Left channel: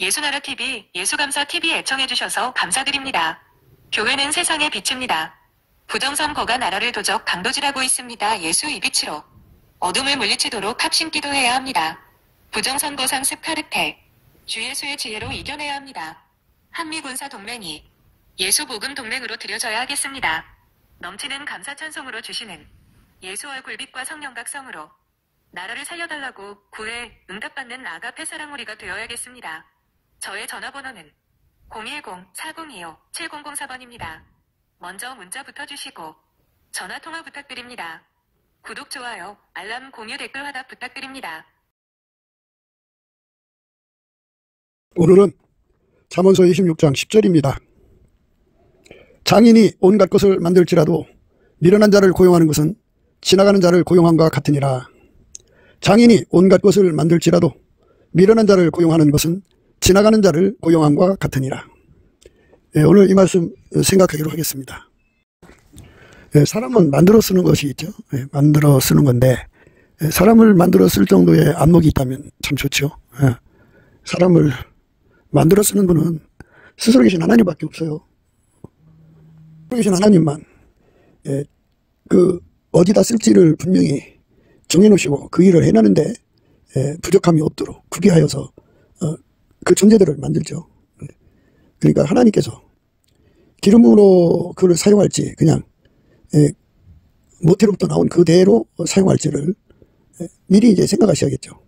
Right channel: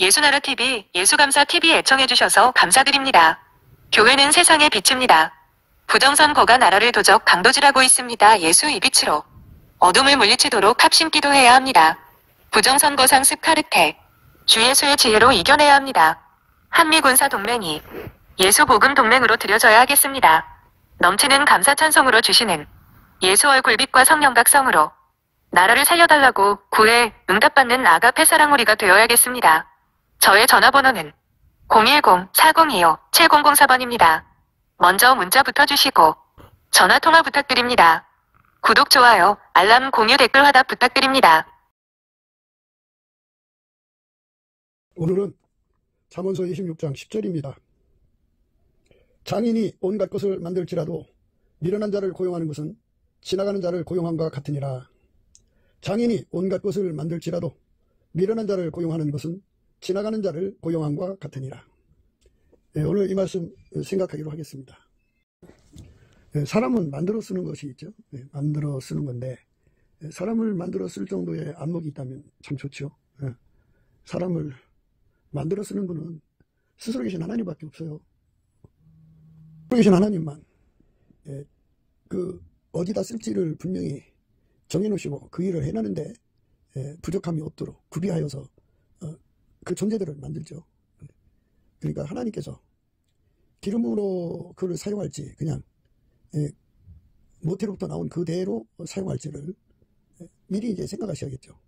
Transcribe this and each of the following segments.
예수나라TV, 예수감사TV 애청해주셔서 감사드립니다. 교회는 세상의 빛입니다. 부정선거가 나라를 도적 강도질하고 있습니다. 예수 이 빛으로 어둠을 물리치도록 합심 기도해야 합니다. 부정선거 상습 카르텔, 주 예수의 지혜로 이겨내야 합니다. 한미군사동맹이 예수복음동맹으로 들여져야 하겠습니다. 넘치는 감사 찬송으로 주시는 예수 얼굴빛과 성령각성으로 나라를 살려달라고 구해 응답받는 아가페 사랑우리가 되어야겠습니다. 저의 전화번호는 010-4025-7004번입니다. 먼저 문자부터 주시고 전화통화 부탁드립니다. 구독, 좋아요, 알람, 공유, 댓글 화답 부탁드립니다. 오늘은 잠언서 26장 10절입니다. 장인이 온갖 것을 만들지라도 미련한 자를 고용하는 것은 지나가는 자를 고용함과 같으니라. 장인이 온갖 것을 만들지라도 미련한 자를 고용하는 것은 지나가는 자를 고용함과 같으니라. 오늘 이 말씀 생각하기로 하겠습니다. 사람은 만들어 쓰는 것이 있죠. 만들어 쓰는 건데 사람을 만들어 쓸 정도의 안목이 있다면 참 좋죠. 사람을 만들어 쓰는 분은 스스로 계신 하나님밖에 없어요. 스스로 계신 하나님만 그 어디다 쓸지를 분명히 정해놓으시고 그 일을 해내는데 부족함이 없도록 구비하여서 그 존재들을 만들죠. 그러니까 하나님께서 기름으로 그를 사용할지 그냥 모태로부터 나온 그대로 사용할지를 미리 이제 생각하셔야겠죠.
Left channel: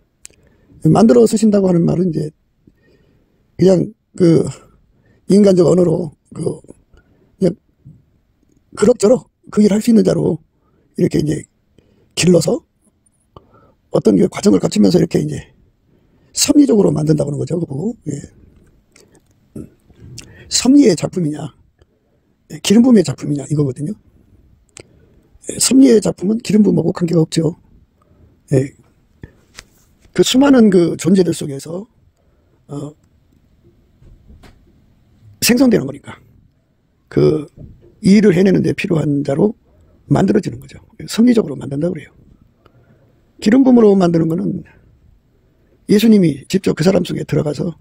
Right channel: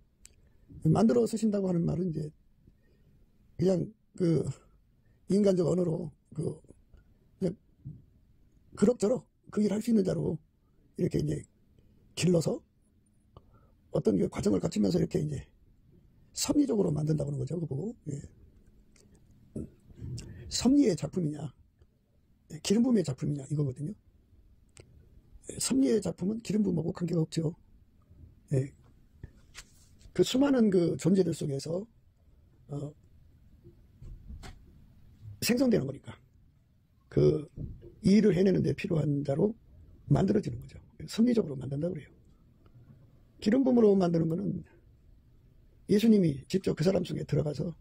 만들어 쓰신다고 하는 말은 이제 그냥 그 인간적 언어로 그냥 그럭저럭 그 일 할 수 있는 자로 이렇게 이제 길러서 어떤 과정을 거치면서 이렇게 이제 섭리적으로 만든다고 하는 거죠. 그거. 섭리의 작품이냐, 기름 부음의 작품이냐 이거거든요. 섭리의 작품은 기름 부음하고 관계가 없죠. 그 수많은 그 존재들 속에서 생성되는 거니까 그 일을 해내는 데 필요한 자로 만들어지는 거죠. 섭리적으로 만든다고 그래요. 기름 부음으로 만드는 거는 예수님이 직접 그 사람 속에 들어가서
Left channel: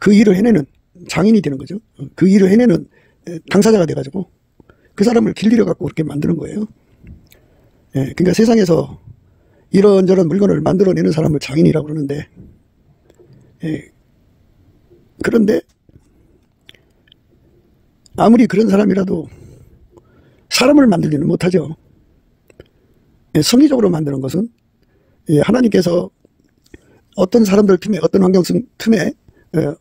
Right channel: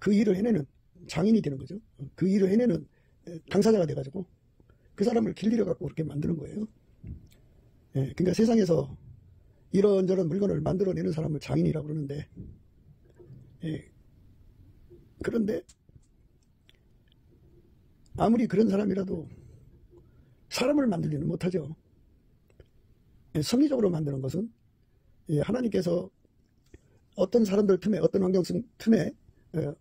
그 일을 해내는 장인이 되는 거죠. 그 일을 해내는 당사자가 돼가지고 그 사람을 길들여 갖고 그렇게 만드는 거예요. 그러니까 세상에서 이런저런 물건을 만들어내는 사람을 장인이라고 그러는데 그런데 아무리 그런 사람이라도 사람을 만들지는 못하죠. 섭리적으로 만드는 것은 하나님께서 어떤 사람들 틈에 어떤 환경 틈에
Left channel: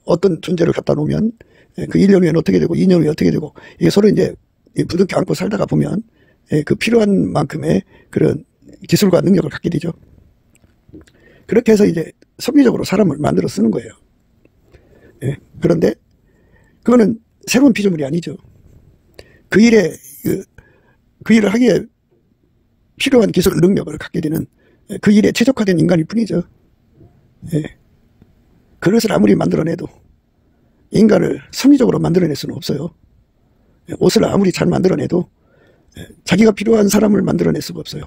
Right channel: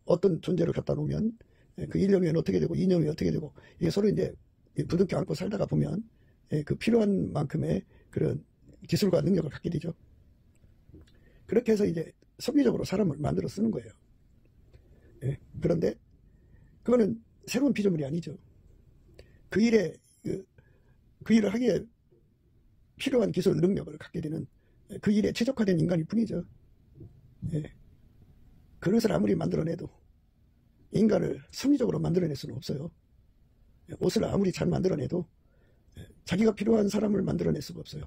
어떤 존재를 갖다 놓으면 그 1년 후에는 어떻게 되고 2년 후에 어떻게 되고 이게 서로 이제 부둥켜 안고 살다가 보면 그 필요한 만큼의 그런 기술과 능력을 갖게 되죠. 그렇게 해서 이제 섭리적으로 사람을 만들어 쓰는 거예요. 그런데 그거는 새로운 피조물이 아니죠. 그 일을 하기에 필요한 기술 능력을 갖게 되는 그 일에 최적화된 인간일 뿐이죠. 그릇을 아무리 만들어내도 인간을 섭리적으로 만들어낼 수는 없어요. 옷을 아무리 잘 만들어내도 자기가 필요한 사람을 만들어낼 수가 없어요.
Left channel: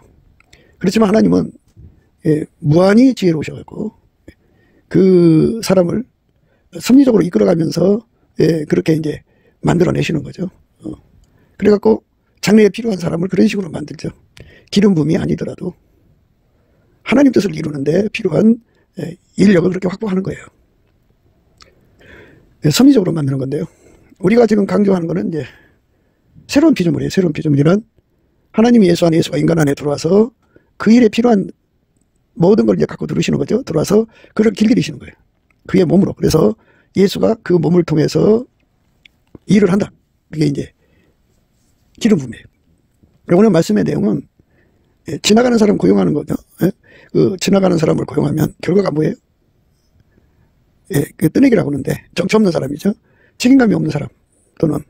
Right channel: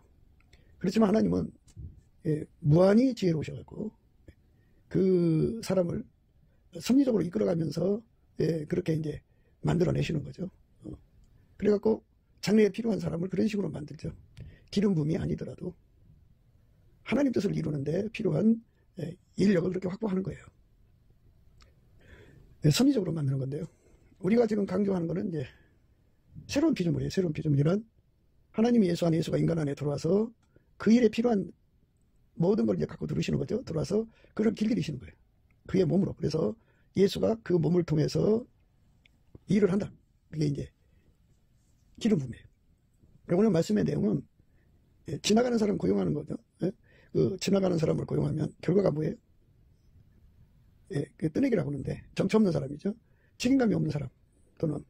그렇지만 하나님은 무한히 지혜로우셔가지고 그 사람을 섭리적으로 이끌어가면서 그렇게 이제 만들어내시는 거죠. 그래갖고 장래에 필요한 사람을 그런 식으로 만들죠. 기름 부음이 아니더라도 하나님 뜻을 이루는데 필요한 인력을 그렇게 확보하는 거예요. 섭리적으로 만드는 건데요. 우리가 지금 강조하는 거는 이제 새로운 피조물이에요. 새로운 피조물이란 하나님이 예수 안에, 예수가 인간 안에 들어와서 그 일에 필요한 모든 걸 이제 갖고 들으시는 거죠. 들어와서 그를 길들이시는 거예요. 그의 몸으로. 그래서 예수가 그 몸을 통해서 일을 한다. 그게 이제 기름 부음이에요. 오늘 말씀의 내용은 지나가는 사람 고용하는 거죠. 그 지나가는 사람을 고용하면 결과가 뭐예요? 그 뜨내기라고 하는데 정치 없는 사람이죠. 책임감이 없는 사람 또는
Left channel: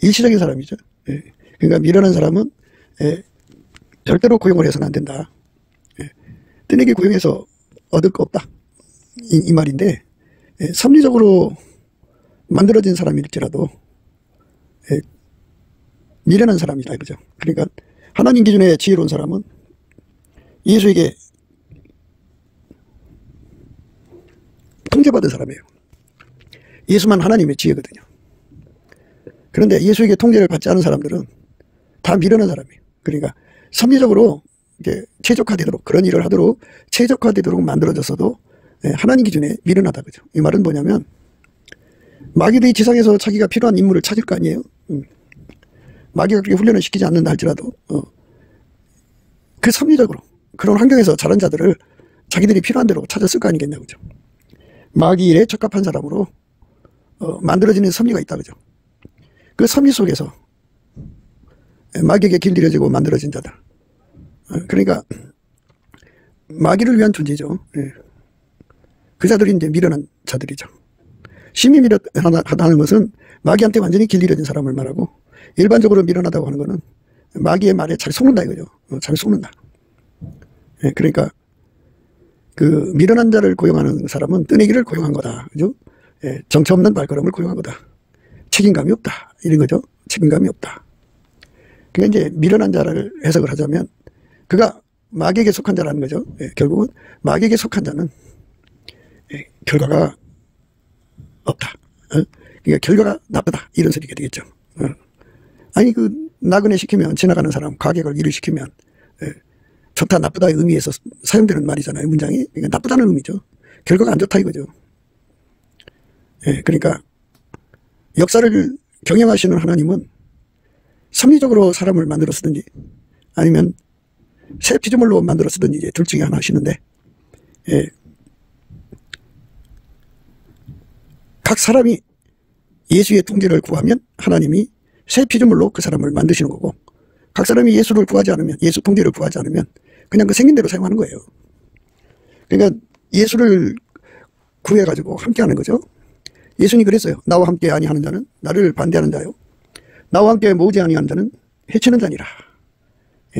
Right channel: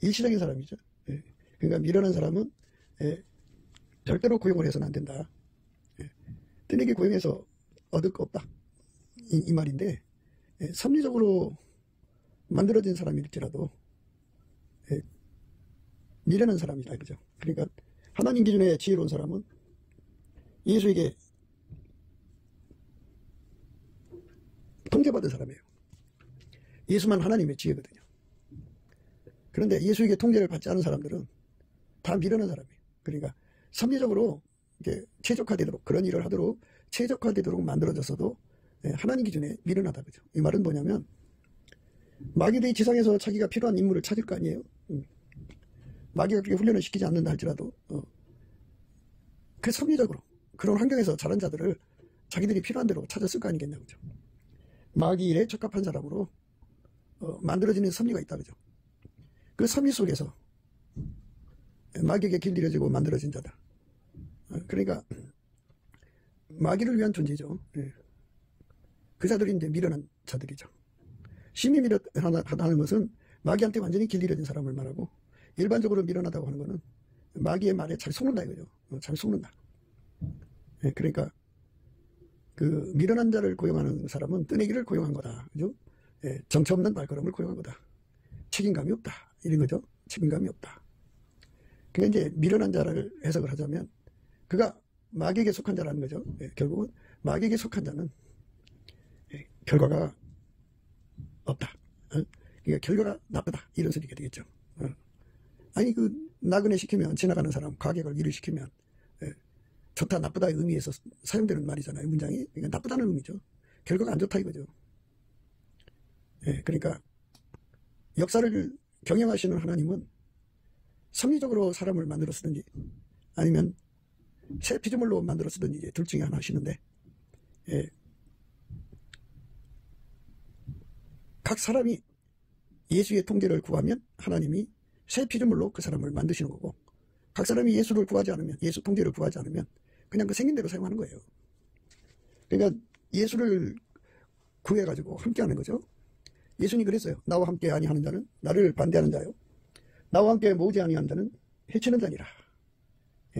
일시적인 사람이죠. 그러니까 미련한 사람은 절대로 고용을 해서는 안 된다. 뜨내기 고용해서 얻을 거 없다. 이 말인데 섭리적으로 만들어진 사람일지라도 미련한 사람이다 이거죠. 그러니까 하나님 기준의 지혜로운 사람은 예수에게 통제받은 사람이에요. 예수만 하나님의 지혜거든요. 그런데 예수에게 통제를 받지 않은 사람들은 다 미련한 사람이에요. 그러니까 섭리적으로 이제 최적화되도록, 그런 일을 하도록 최적화되도록 만들어졌어도 하나님 기준에 미련하다, 그죠? 이 말은 뭐냐면, 마귀들이 지상에서 자기가 필요한 인물을 찾을 거 아니에요. 마귀가 그렇게 훈련을 시키지 않는다 할지라도 그 섭리적으로 그런 환경에서 자란 자들을 자기들이 필요한 대로 찾았을 거 아니겠냐, 그죠? 마귀 일에 적합한 사람으로 만들어지는 섭리가 있다, 그죠? 그 섭리 속에서 마귀에게 길들여지고 만들어진 자들, 그러니까 마귀를 위한 존재죠. 그 자들이 이제 미련한 자들이죠. 심히 미련하다는 것은 마귀한테 완전히 길들여진 사람을 말하고, 일반적으로 미련하다고 하는 것은 마귀의 말에 잘 속는다 이거죠. 잘 속는다. 그러니까 그 미련한 자를 고용하는 사람은 뜨내기를 고용한 거다, 그죠? 정처 없는 발걸음을 고용한 거다. 책임감이 없다, 이런 거죠. 책임감이 없다. 그러니까 이제 미련한 자를 해석을 하자면 그가 마귀에게 속한 자라는 거죠. 결국은 마귀에게 속한 자는 결과가 없다. 그러니까 결과가 나쁘다, 이런 소리가 되겠죠. 아니 그 나그네 시키면, 지나가는 사람 가객을 일을 시키면 좋다 나쁘다의 의미에서 사용되는 말이잖아요, 문장이. 그러니까 나쁘다는 의미죠. 결과가 안 좋다 이거죠. 그러니까 역사를 경영하시는 하나님은 섭리적으로 사람을 만들어 쓰든지 아니면 새 피조물로 만들어 쓰든지 이제 둘 중에 하나 하시는데, 각 사람이 예수의 통제를 구하면 하나님이 새 피조물로 그 사람을 만드시는 거고, 각 사람이 예수를 구하지 않으면, 예수 통제를 구하지 않으면 그냥 그 생긴 대로 사용하는 거예요. 그러니까 예수를 구해가지고 함께하는 거죠. 예수님이 그랬어요. 나와 함께 아니하는 자는 나를 반대하는 자요, 나와 함께 모으지 아니하는 자는 해치는 자니라.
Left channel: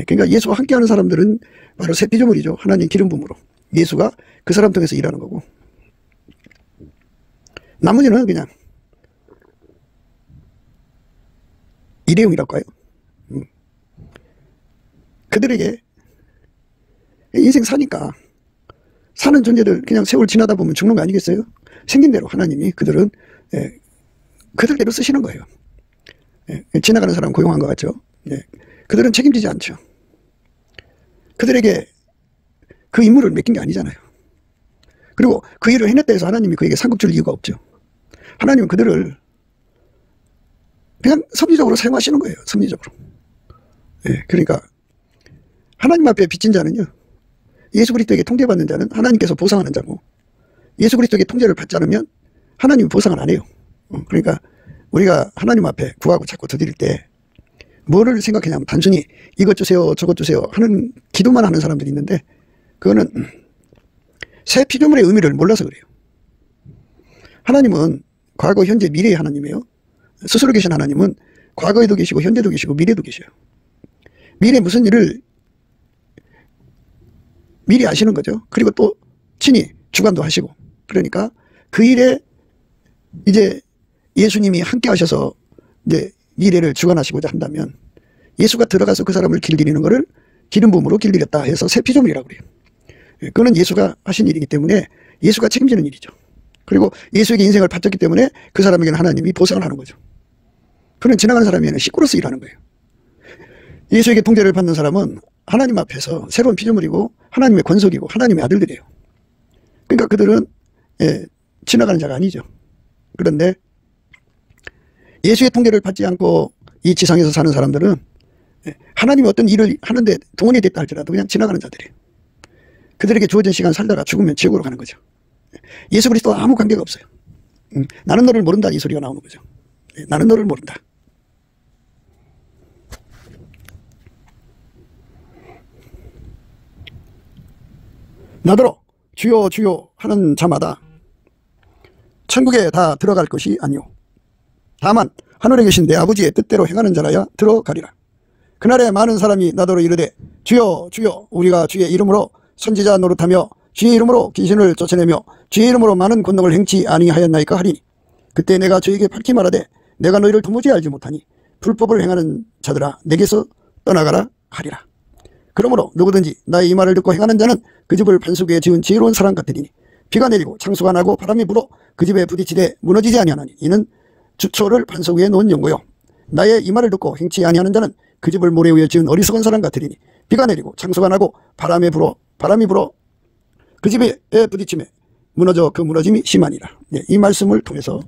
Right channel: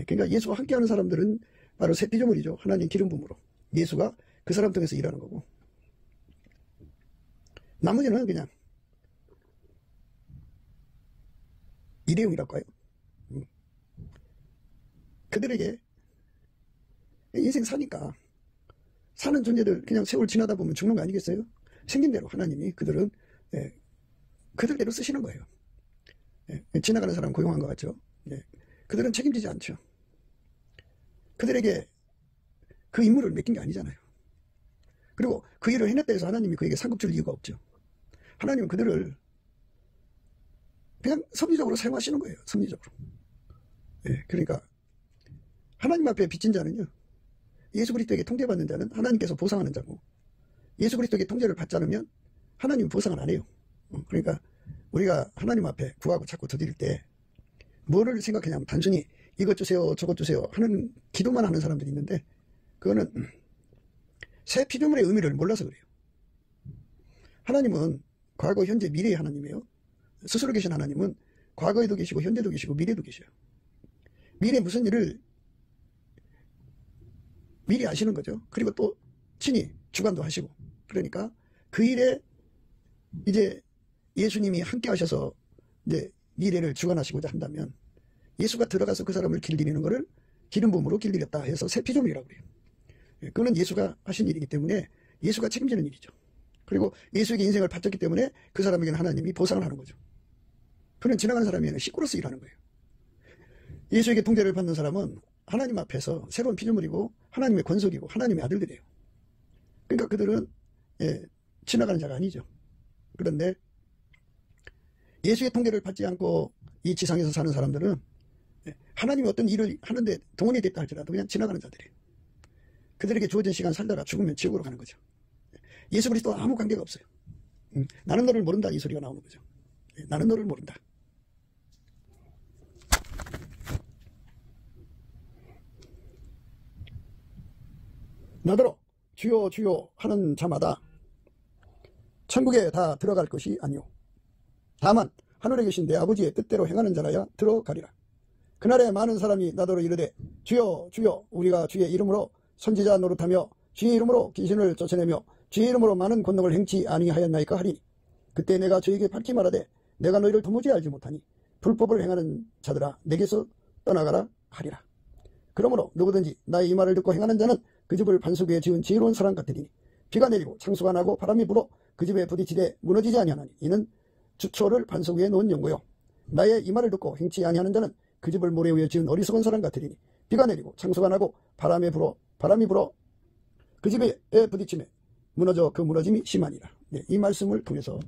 그러니까 예수와 함께하는 사람들은 바로 새 피조물이죠. 하나님 기름 부음으로 예수가 그 사람 통해서 일하는 거고, 나머지는 그냥 일회용이랄까요. 그들에게 인생 사니까, 사는 존재들 그냥 세월 지나다 보면 죽는 거 아니겠어요? 생긴 대로 하나님이 그들은 그들대로 쓰시는 거예요. 지나가는 사람 고용한 것 같죠. 그들은 책임지지 않죠. 그들에게 그 임무를 맡긴 게 아니잖아요. 그리고 그 일을 해냈다 해서 하나님이 그에게 상급 줄 이유가 없죠. 하나님은 그들을 그냥 섭리적으로 사용하시는 거예요. 섭리적으로. 그러니까 하나님 앞에 빚진 자는요, 예수 그리스도에게 통제받는 자는 하나님께서 보상하는 자고, 예수 그리스도에게 통제를 받지 않으면 하나님이 보상을 안 해요. 그러니까 우리가 하나님 앞에 구하고 자꾸 드릴 때 뭐를 생각하냐면, 단순히 이것 주세요 저것 주세요 하는 기도만 하는 사람들이 있는데, 그거는 새 피조물의 의미를 몰라서 그래요. 하나님은 과거 현재 미래의 하나님이에요. 스스로 계신 하나님은 과거에도 계시고 현재도 계시고 미래도 계셔요. 미래 무슨 일을 미리 아시는 거죠. 그리고 또 친히 주관도 하시고, 그러니까 그 일에 이제 예수님이 함께 하셔서 이제 미래를 주관하시고자 한다면, 예수가 들어가서 그 사람을 길들이는 것을 기름 부음으로 길들였다 해서 새 피조물이라고 그래요. 그거는 예수가 하신 일이기 때문에 예수가 책임지는 일이죠. 그리고 예수에게 인생을 바쳤기 때문에 그 사람에게는 하나님이 보상을 하는 거죠. 그는 지나가는 사람에게는 식구로서 일하는 거예요. 예수에게 통제를 받는 사람은 하나님 앞에서 새로운 피조물이고 하나님의 권속이고 하나님의 아들들이에요. 그러니까 그들은 지나가는 자가 아니죠. 그런데 예수의 통제를 받지 않고 이 지상에서 사는 사람들은 하나님이 어떤 일을 하는데 동원이 됐다 할지라도 그냥 지나가는 자들이에요. 그들에게 주어진 시간 살다가 죽으면 지옥으로 가는 거죠. 예수 그리스도와 아무 관계가 없어요. 나는 너를 모른다, 이 소리가 나오는 거죠. 나는 너를 모른다. 나더러 주여 주여 하는 자마다 천국에 다 들어갈 것이 아니오. 다만 하늘에 계신 내 아버지의 뜻대로 행하는 자라야 들어가리라. 그날에 많은 사람이 나더러 이르되 주여 주여 우리가 주의 이름으로 선지자 노릇하며 주의 이름으로 귀신을 쫓아내며 주의 이름으로 많은 권능을 행치 아니하였나이까 하리니, 그때 내가 저에게 밝히 말하되 내가 너희를 도무지 알지 못하니 불법을 행하는 자들아 내게서 떠나가라 하리라. 그러므로 누구든지 나의 이 말을 듣고 행하는 자는 그 집을 반석 위에 지은 지혜로운 사람 같으리니 비가 내리고 창수가 나고 바람이 불어 그 집에 부딪히되 무너지지 아니하나니 이는 주초를 반석 위에 놓은 연고요. 나의 이 말을 듣고 행치 아니하는 자는 그 집을 모래 위에 지은 어리석은 사람 같으리니 비가 내리고 창수가 나고 바람이 불어 그 집에 부딪힘에 무너져 그 무너짐이 심하니라. 이 말씀을 통해서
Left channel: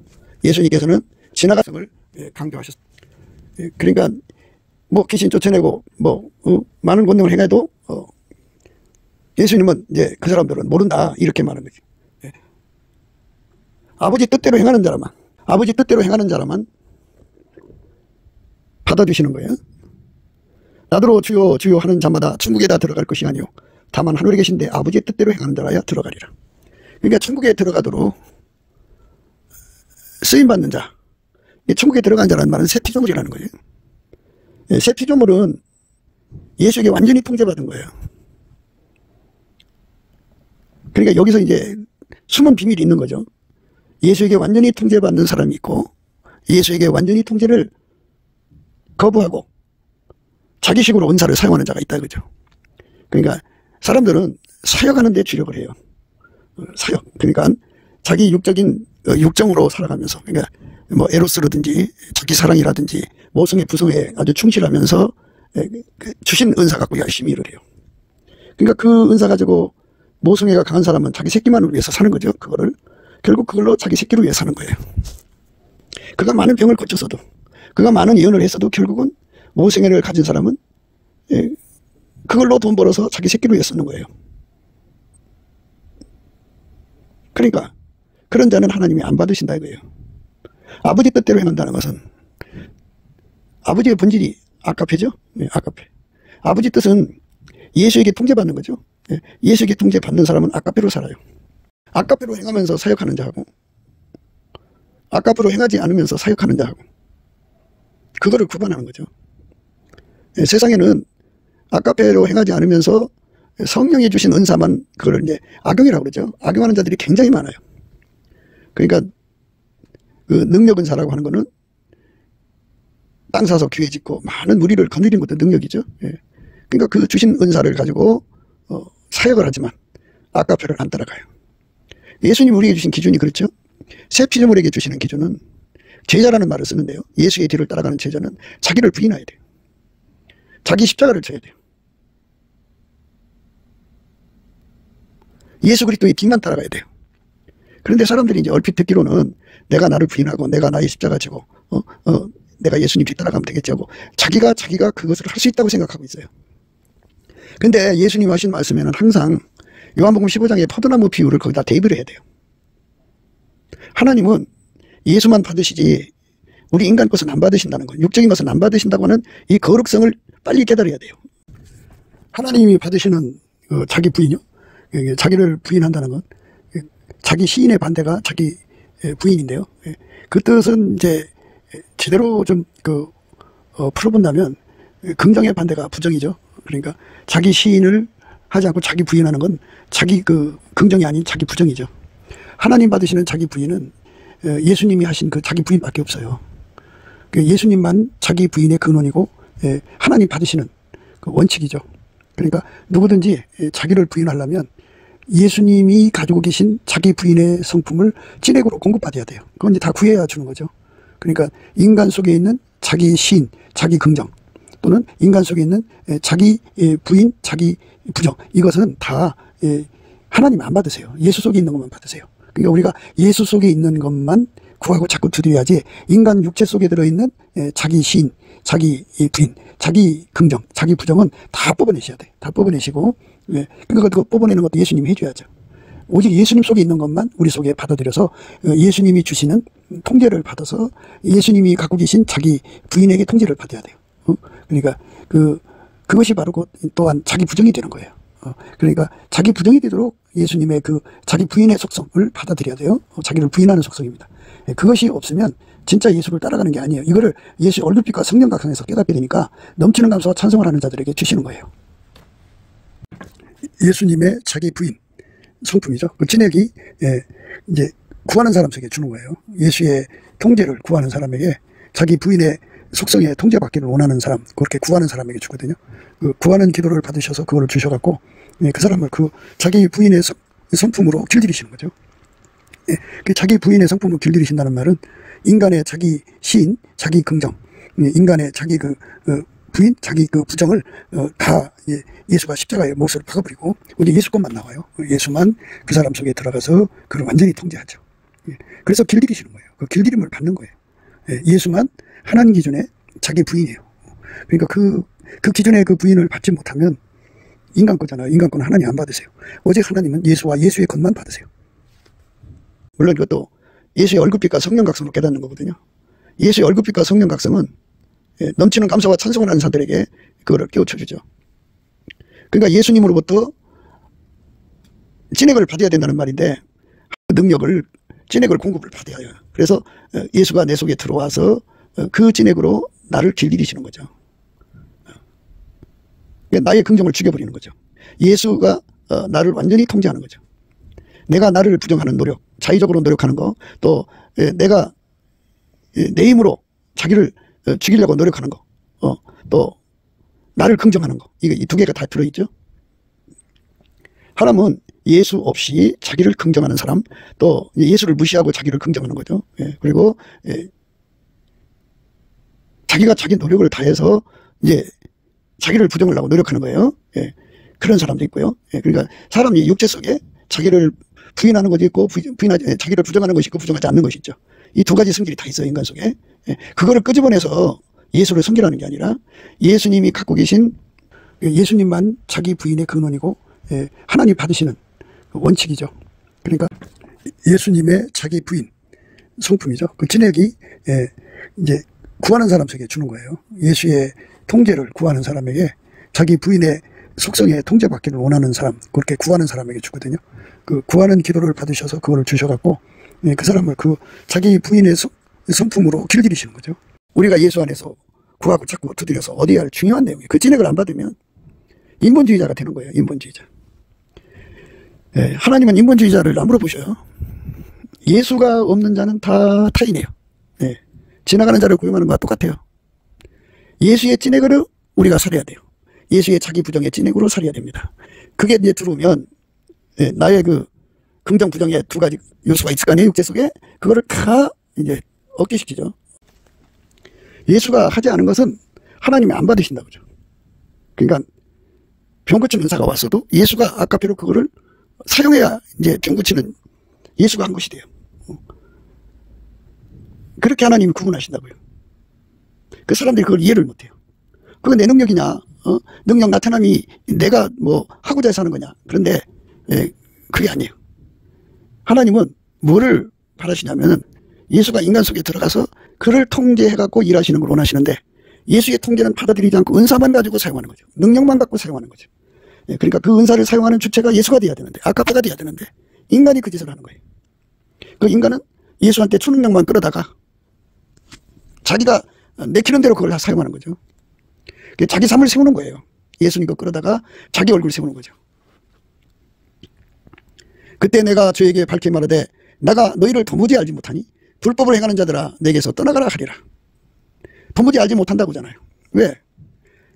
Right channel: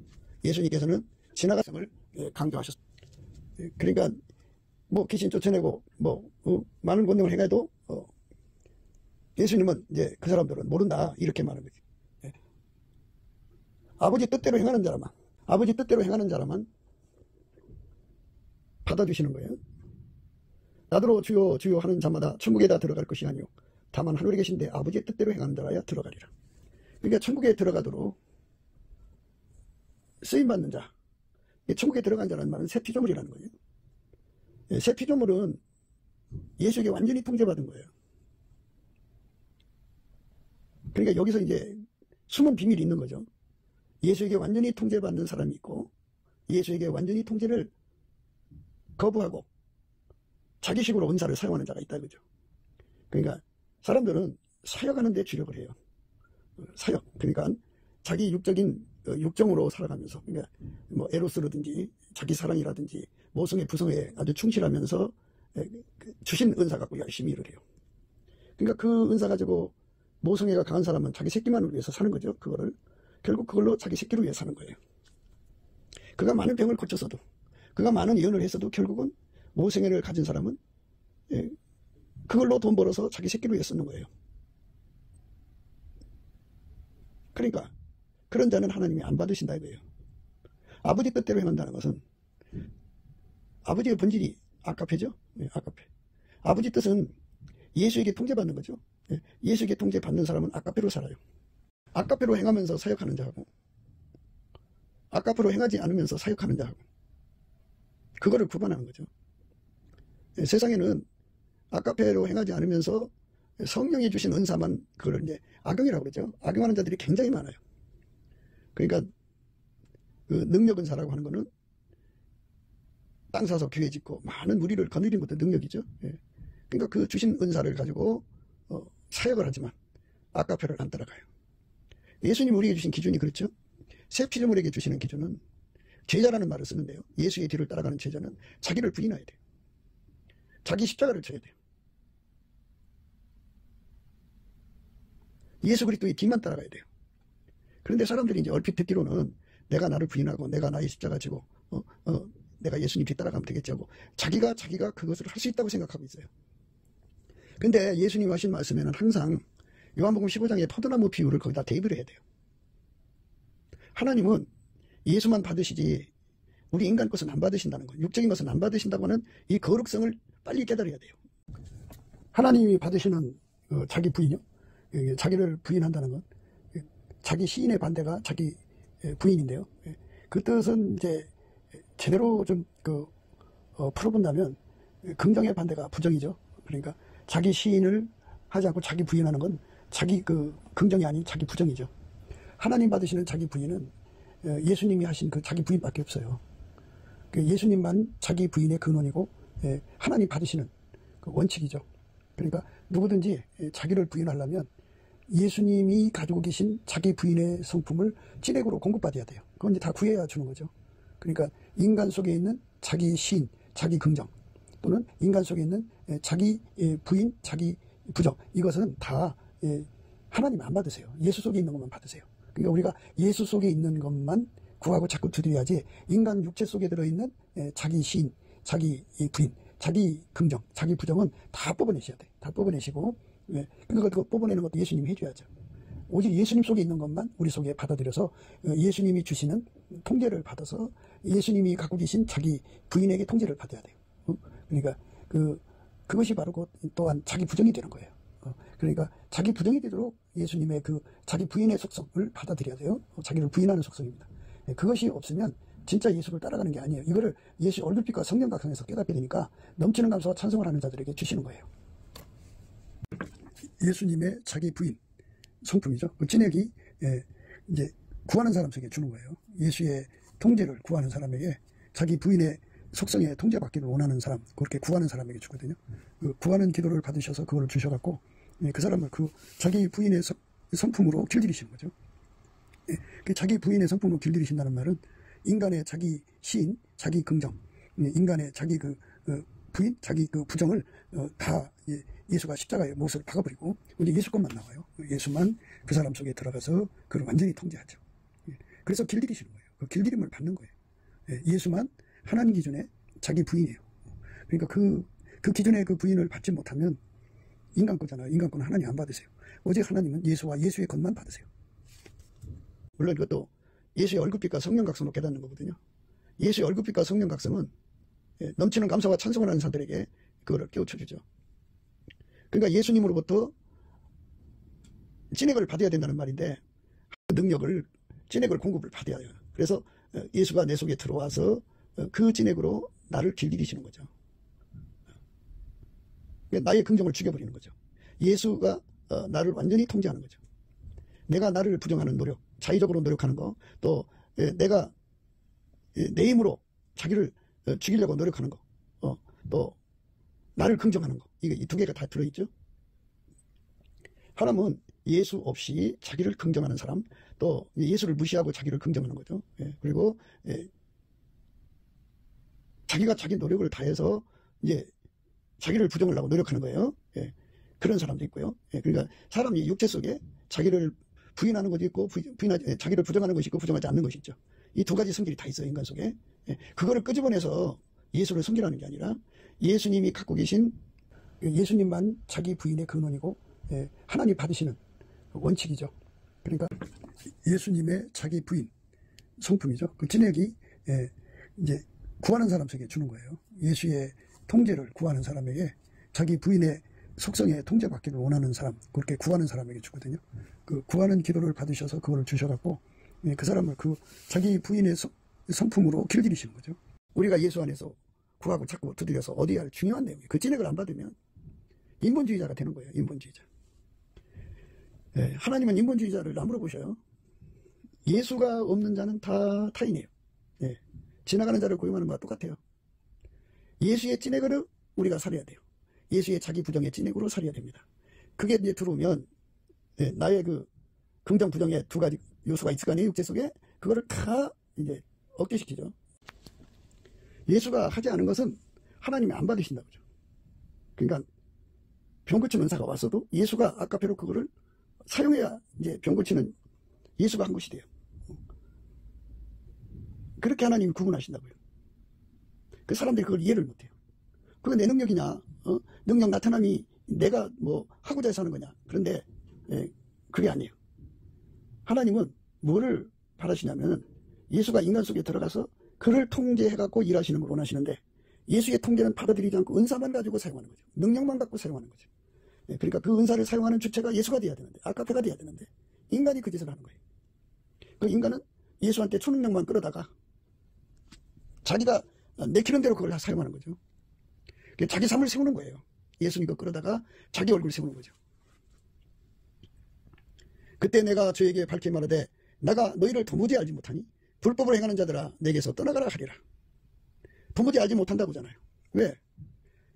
예수님께서는 지나가성을 강조하셨습니다. 그러니까 뭐 귀신 쫓아내고 많은 권능을 행해도 예수님은 이제 그 사람들은 모른다 이렇게 말하는 거죠. 아버지 뜻대로 행하는 자라만 받아주시는 거예요. 나더러 주여 주여 하는 자마다 천국에 다 들어갈 것이 아니요 다만 하늘에 계신데 아버지의 뜻대로 행하는 자라야 들어가리라. 그러니까 천국에 들어가도록 쓰임받는 자, 천국에 들어간 자라는 말은 새 피조물이라는 거예요. 새 피조물은 예수에게 완전히 통제받은 거예요. 그러니까 여기서 이제 숨은 비밀이 있는 거죠. 예수에게 완전히 통제받는 사람이 있고 예수에게 완전히 통제를 거부하고 자기식으로 은사를 사용하는 자가 있다 그죠. 그러니까 사람들은 사역하는 데 주력을 해요. 사역. 그러니까 자기 육적인 육정으로 살아가면서 그러니까 뭐 에로스라든지 자기 사랑이라든지 모성애 부성애에 아주 충실하면서 주신 은사 갖고 열심히 일을 해요. 그러니까 그 은사 가지고 모성애가 강한 사람은 자기 새끼만을 위해서 사는 거죠. 결국 그걸로 자기 새끼를 위해 사는 거예요. 그가 많은 병을 거쳐서도 그가 많은 예언을 했어도 결국은 모성애를 가진 사람은 그걸로 돈 벌어서 자기 새끼를 위해 쓰는 거예요. 그러니까 그런 자는 하나님이 안 받으신다 이거예요. 아버지 뜻대로 행한다는 것은 아버지의 본질이 아까페죠. 아까페. 아버지 뜻은 예수에게 통제받는 거죠. 예수에게 통제받는 사람은 아까페로 살아요. 아까페로 행하면서 사역하는 자하고 아까페로 행하지 않으면서 사역하는 자하고 그거를 구분하는 거죠. 세상에는 아까페로 행하지 않으면서 성령이 주신 은사만 그걸 이제 악용이라고 그러죠. 악용하는 자들이 굉장히 많아요. 그러니까 그 능력 은사라고 하는 거는 땅 사서 교회 짓고 많은 무리를 거느리는 것도 능력이죠. 그러니까 그 주신 은사를 가지고 사역을 하지만 아까페를 안 따라가요. 예수님 우리에게 주신 기준이 그렇죠. 새 피조물에게 주시는 기준은 제자라는 말을 쓰는데요. 예수의 뒤를 따라가는 제자는 자기를 부인해야 돼요. 자기 십자가를 져야 돼요. 예수 그리스도의 뒤만 따라가야 돼요. 그런데 사람들이 이제 얼핏 듣기로는 내가 나를 부인하고 내가 나의 십자가 지고 내가 예수님 뒤 따라가면 되겠지 하고 자기가 그것을 할 수 있다고 생각하고 있어요. 근데 예수님 하신 말씀에는 항상 요한복음 15장의 포도나무 비유를 거기다 대입을 해야 돼요. 하나님은 예수만 받으시지 우리 인간 것은 안 받으신다는 거예요. 육적인 것은 안 받으신다고 하는 이 거룩성을 빨리 깨달아야 돼요. 하나님이 받으시는 자기 부인이요. 자기를 부인한다는 건 자기 시인의 반대가 자기 부인인데요. 그 뜻은 이제 제대로 좀 풀어본다면 긍정의 반대가 부정이죠. 그러니까 자기 시인을 하지 않고 자기 부인하는 건 자기 긍정이 아닌 자기 부정이죠. 하나님 받으시는 자기 부인은 예수님이 하신 그 자기 부인밖에 없어요. 예수님만 자기 부인의 근원이고 하나님 받으시는 그 원칙이죠. 그러니까 누구든지 자기를 부인하려면 예수님이 가지고 계신 자기 부인의 성품을 진액으로 공급받아야 돼요. 그건 이제 다 구해야 주는 거죠. 그러니까 인간 속에 있는 자기 시인, 자기 긍정 또는 인간 속에 있는 자기 부인, 자기 부정 이것은 다 하나님 안 받으세요. 예수 속에 있는 것만 받으세요. 그러니까 우리가 예수 속에 있는 것만 구하고 자꾸 드려야지 인간 육체 속에 들어있는 자기 시인, 자기 부인, 자기 긍정, 자기 부정은 다 뽑아내셔야 돼요. 다 뽑아내시고 그러니까 그거 뽑아내는 것도 예수님이 해줘야죠. 오직 예수님 속에 있는 것만 우리 속에 받아들여서 예수님이 주시는 통제를 받아서 예수님이 갖고 계신 자기 부인에게 통제를 받아야 돼요. 그러니까 그것이 바로 또한 자기 부정이 되는 거예요. 그러니까 자기 부정이 되도록 예수님의 그 자기 부인의 속성을 받아들여야 돼요. 자기를 부인하는 속성입니다. 그것이 없으면 진짜 예수를 따라가는 게 아니에요. 이거를 예수의 얼굴빛과 성령 각성에서 깨닫게 되니까 넘치는 감사와 찬송을 하는 자들에게 주시는 거예요. 예수님의 자기 부인 성품이죠. 그 진액이 이제 구하는 사람 속에 주는 거예요. 예수의 통제를 구하는 사람에게 자기 부인의 속성에 통제받기를 원하는 사람, 그렇게 구하는 사람에게 주거든요. 그 구하는 기도를 받으셔서 그걸 주셔갖고 그 사람을 그 자기 부인의 성품으로 길들이시는 거죠. 예, 그 자기 부인의 성품으로 길들이신다는 말은 인간의 자기 시인, 자기 긍정, 인간의 자기 부인, 자기 부정을 다 예수가 십자가에 몫을 박아버리고 오직 예수 것만 나와요. 예수만 그 사람 속에 들어가서 그를 완전히 통제하죠. 그래서 길들이시는 거예요. 그 길들임을 받는 거예요. 예수만 하나님 기준의 자기 부인이에요. 그러니까 그 기준의 그 부인을 받지 못하면 인간 거잖아요. 인간 거는 하나님 안 받으세요. 오직 하나님은 예수와 예수의 것만 받으세요. 물론 이것도 예수의 얼굴빛과 성령각성으로 깨닫는 거거든요. 예수의 얼굴빛과 성령각성은 넘치는 감사와 찬송을 하는 사람들에게 그거를 깨우쳐주죠. 그러니까 예수님으로부터 찐액을 받아야 된다는 말인데 그 능력을 찐액을 공급을 받아야 해요. 그래서 예수가 내 속에 들어와서 그 찐액으로 나를 길들이시는 거죠. 나의 긍정을 죽여버리는 거죠. 예수가 나를 완전히 통제하는 거죠. 내가 나를 부정하는 노력, 자의적으로 노력하는 거, 또 내가 내 힘으로 자기를 죽이려고 노력하는 거, 또 나를 긍정하는 거, 이 두 개가 다 들어있죠. 하나님은 예수 없이 자기를 긍정하는 사람, 또 예수를 무시하고 자기를 긍정하는 거죠. 그리고 자기가 자기 노력을 다해서 이제 자기를 부정하려고 노력하는 거예요. 그런 사람도 있고요. 그러니까 사람이 육체 속에 자기를 부인하는 것이 있고 자기를 부정하는 것이 있고 부정하지 않는 것이 있죠. 이 두 가지 성질이 다 있어요. 인간 속에. 그거를 끄집어내서 예수를 섬기라는 게 아니라 예수님이 갖고 계신 예수님만 자기 부인의 근원이고 하나님 받으시는 원칙이죠. 그러니까 예수님의 자기 부인 성품이죠. 그 찐액이 이제 구하는 사람 속에 주는 거예요. 예수의 통제를 구하는 사람에게 자기 부인의 속성에 통제받기를 원하는 사람, 그렇게 구하는 사람에게 주거든요. 그 구하는 기도를 받으셔서 그거를 주셔갖고 그 사람을 그 자기 부인의 성품으로 길들이시는 거죠. 우리가 예수 안에서 구하고 자꾸 두드려서 어디야 할 중요한 내용이에요. 그 찐액을 안 받으면 인본주의자가 되는 거예요. 인본주의자. 하나님은 인본주의자를 안 물어보셔요. 예수가 없는 자는 다 타인이에요. 지나가는 자를 고용하는 것과 똑같아요. 예수의 찐액으로 우리가 살아야 돼요. 예수의 자기 부정의 찐액으로 살아야 됩니다. 그게 이제 들어오면 나의 그 긍정 부정의 두 가지 요소가 있을 거 아니에요. 육체 속에. 그거를 다 이제 억제시키죠. 예수가 하지 않은 것은 하나님이 안 받으신다고죠. 그러니까 병 고치는 의사가 왔어도 예수가 아까표로 그거를 사용해야 이제 병 고치는 예수가 한 것이 돼요. 그렇게 하나님이 구분하신다고요. 그 사람들이 그걸 이해를 못해요. 그건 내 능력이냐? 능력 나타남이 내가 뭐 하고자 해서 하는 거냐? 그런데 그게 아니에요. 하나님은 뭐를 바라시냐면은 예수가 인간 속에 들어가서 그를 통제해갖고 일하시는 걸 원하시는데 예수의 통제는 받아들이지 않고 은사만 가지고 사용하는 거죠. 능력만 갖고 사용하는 거죠. 그러니까 그 은사를 사용하는 주체가 예수가 돼야 되는데 아까페가 돼야 되는데 인간이 그 짓을 하는 거예요. 그 인간은 예수한테 초능력만 끌어다가 자기가 내키는 대로 그걸 다 사용하는 거죠. 자기 삶을 세우는 거예요. 예수님 거 끌어다가 자기 얼굴 세우는 거죠. 그때 내가 저에게 밝히 말하되 내가 너희를 도무지 알지 못하니 불법을 행하는 자들아 내게서 떠나가라 하리라. 도무지 알지 못한다고잖아요. 왜?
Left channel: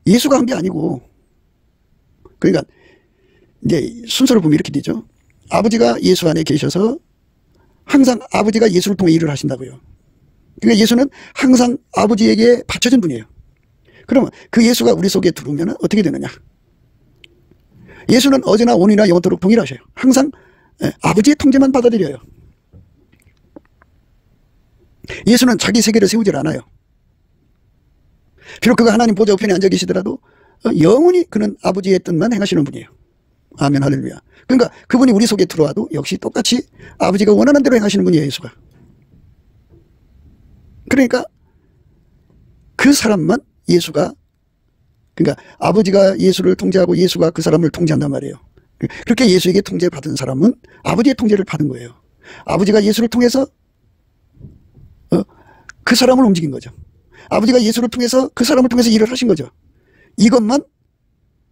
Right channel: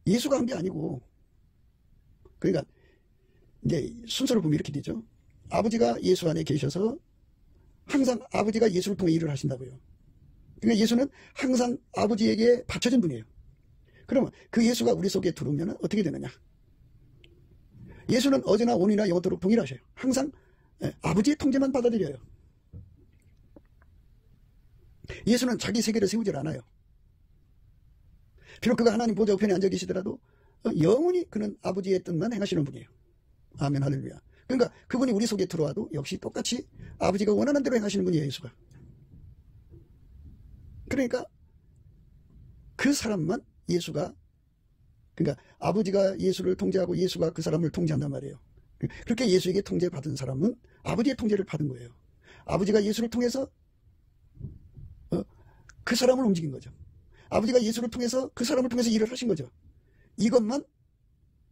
예수가 한 게 아니고. 그러니까 이제 순서를 보면 이렇게 되죠. 아버지가 예수 안에 계셔서 항상 아버지가 예수를 통해 일을 하신다고요. 그러니까 예수는 항상 아버지에게 바쳐진 분이에요. 그러면 그 예수가 우리 속에 들어오면 어떻게 되느냐? 예수는 어제나 오늘이나 영원토록 동일하셔요. 항상 아버지의 통제만 받아들여요. 예수는 자기 세계를 세우질 않아요. 비록 그가 하나님 보좌 우편에 앉아 계시더라도 영원히 그는 아버지의 뜻만 행하시는 분이에요. 아멘 할렐루야. 그러니까 그분이 우리 속에 들어와도 역시 똑같이 아버지가 원하는 대로 행하시는 분이에요. 예수가. 그러니까 그 사람만 예수가, 그러니까 아버지가 예수를 통제하고 예수가 그 사람을 통제한단 말이에요. 그렇게 예수에게 통제받은 사람은 아버지의 통제를 받은 거예요. 아버지가 예수를 통해서 그 사람을 움직인 거죠. 아버지가 예수를 통해서 그 사람을 통해서 일을 하신 거죠. 이것만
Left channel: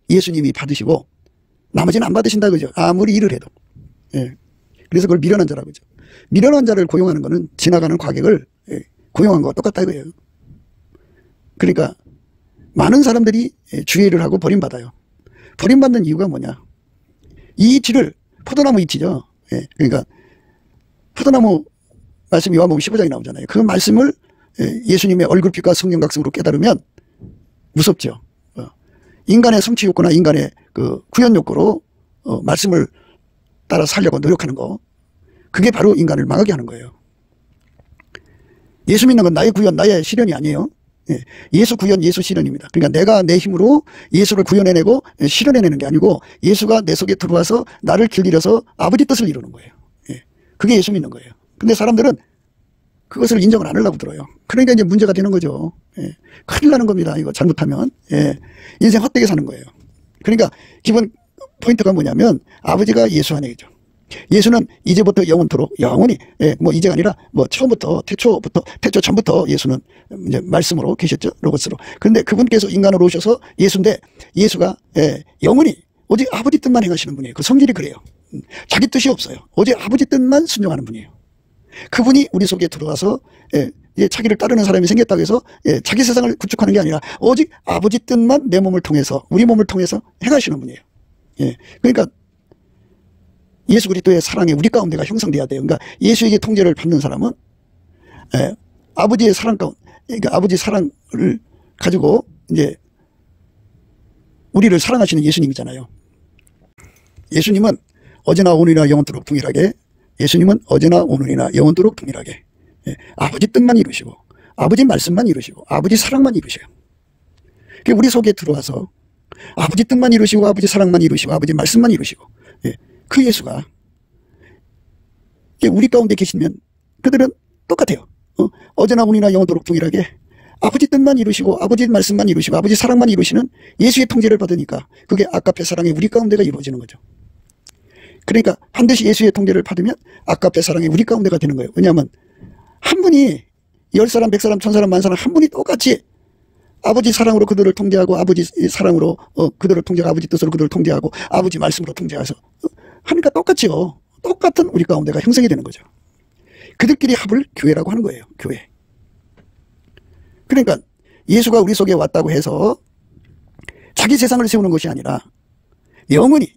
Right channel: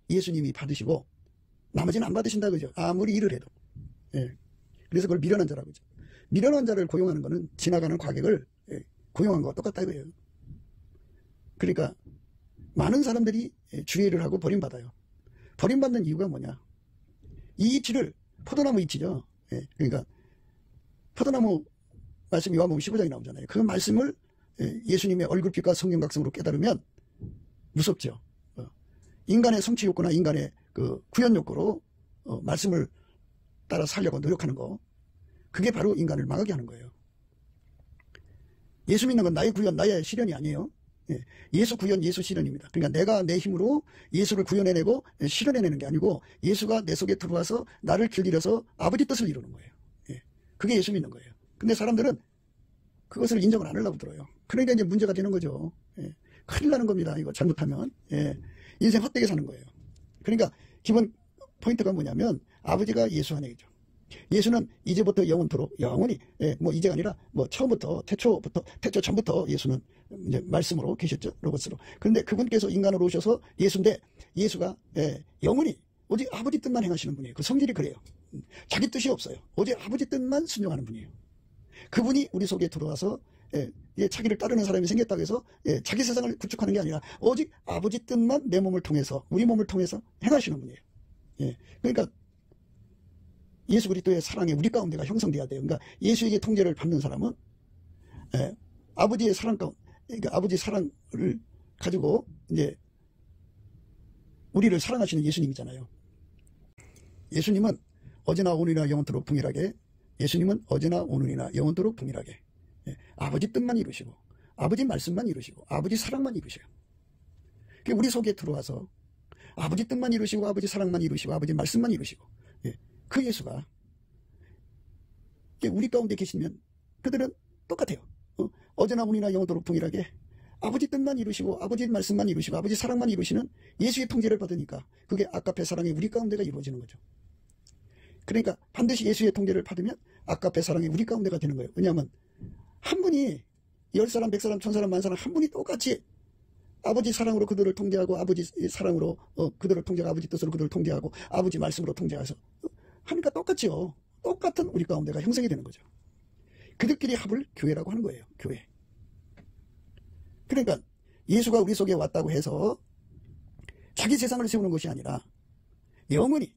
예수님이 받으시고 나머지는 안 받으신다 그죠. 아무리 일을 해도. 그래서 그걸 미련한 자라고 그죠. 미련한 자를 고용하는 거는 지나가는 과객을 고용한 거와 똑같다 이거예요. 그러니까 많은 사람들이 주의를 하고 버림받아요. 버림받는 이유가 뭐냐? 이 이치를 포도나무 잎이죠. 예, 그러니까 포도나무 말씀 요한복음 15장에 나오잖아요. 그 말씀을 예수님의 얼굴빛과 성령각성으로 깨달으면 무섭죠. 인간의 성취 욕구나 인간의 그 구현 욕구로 말씀을 따라 살려고 노력하는 거, 그게 바로 인간을 망하게 하는 거예요. 예수 믿는 건 나의 구현, 나의 실현이 아니에요. 예수 구현, 예수 실현입니다. 그러니까 내가 내 힘으로 예수를 구현해내고 실현해내는 게 아니고 예수가 내 속에 들어와서 나를 길들여서 아버지 뜻을 이루는 거예요. 그게 예수 믿는 거예요. 근데 사람들은 그것을 인정을 안 하려고 들어요. 그러니까 이제 문제가 되는 거죠. 큰일 나는 겁니다. 이거 잘못하면. 인생 헛되게 사는 거예요. 그러니까 기본 포인트가 뭐냐면 아버지가 예수 안에 계죠. 예수는 이제부터 영원토록, 영원히, 뭐 이제가 아니라 뭐 처음부터, 태초 전부터 예수는 이제 말씀으로 계셨죠. 로고스로. 그런데 그분께서 인간으로 오셔서 예수인데 예수가 영원히 오직 아버지 뜻만 행하시는 분이에요. 그 성질이 그래요. 자기 뜻이 없어요. 오직 아버지 뜻만 순종하는 분이에요. 그분이 우리 속에 들어와서 자기를 따르는 사람이 생겼다고 해서 자기 세상을 구축하는 게 아니라 오직 아버지 뜻만 내 몸을 통해서, 우리 몸을 통해서 행하시는 분이에요. 그러니까 예수 그리스도의 사랑이 우리 가운데가 형성돼야 돼요. 그러니까 예수에게 통제를 받는 사람은 아버지의 사랑 가운데, 그러니까 아버지 사랑을 가지고 이제 우리를 사랑하시는 예수님이잖아요. 예수님은 어제나 오늘이나 영원토록 동일하게, 예수님은 어제나 오늘이나 영원토록 동일하게 아버지 뜻만 이루시고 아버지 말씀만 이루시고 아버지 사랑만 이루셔요. 우리 속에 들어와서 아버지 뜻만 이루시고 아버지 사랑만 이루시고 아버지 말씀만 이루시고 그 예수가 우리 가운데 계시면 그들은 똑같아요. 어제나 오늘이나 영원토록 동일하게 아버지 뜻만 이루시고 아버지 말씀만 이루시고 아버지 사랑만 이루시는 예수의 통제를 받으니까 그게 아까페 사랑이 우리 가운데가 이루어지는 거죠. 그러니까 반드시 예수의 통제를 받으면 아까페 사랑이 우리 가운데가 되는 거예요. 왜냐하면 한 분이 10사람, 100사람, 1000사람, 10,000사람 한 분이 똑같이 아버지 사랑으로 그들을 통제하고 아버지 사랑으로 그들을 통제하고 아버지 뜻으로 그들을 통제하고 아버지 말씀으로 통제해서 하니까 똑같죠. 똑같은 우리 가운데가 형성이 되는 거죠. 그들끼리 합을 교회라고 하는 거예요. 교회. 그러니까 예수가 우리 속에 왔다고 해서 자기 세상을 세우는 것이 아니라 영원히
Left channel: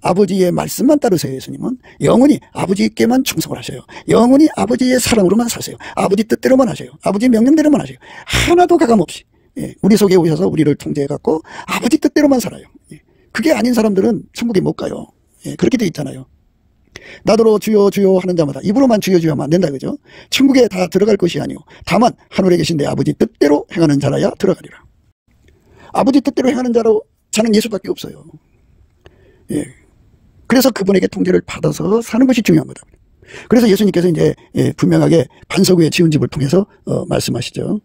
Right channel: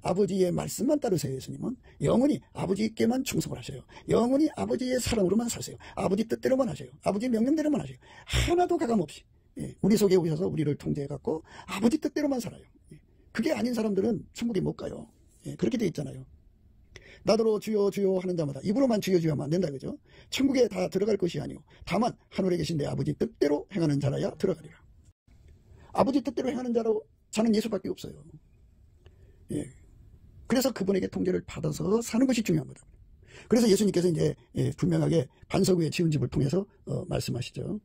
아버지의 말씀만 따르세요. 예수님은 영원히 아버지께만 충성을 하세요. 영원히 아버지의 사랑으로만 사세요. 아버지 뜻대로만 하세요. 아버지 명령대로만 하세요. 하나도 가감없이 우리 속에 오셔서 우리를 통제해갖고 아버지 뜻대로만 살아요. 그게 아닌 사람들은 천국에 못 가요. 그렇게 돼 있잖아요. 나더러 주여 주여 하는 자마다 입으로만 주여 주여 하면 안 된다, 그죠? 천국에 다 들어갈 것이 아니오 다만 하늘에 계신 내 아버지 뜻대로 행하는 자라야 들어가리라. 아버지 뜻대로 행하는 자는 예수밖에 없어요. 그래서 그분에게 통제를 받아서 사는 것이 중요한 거다. 그래서 예수님께서 이제 분명하게 반석 위에 지은 집을 통해서 말씀하시죠.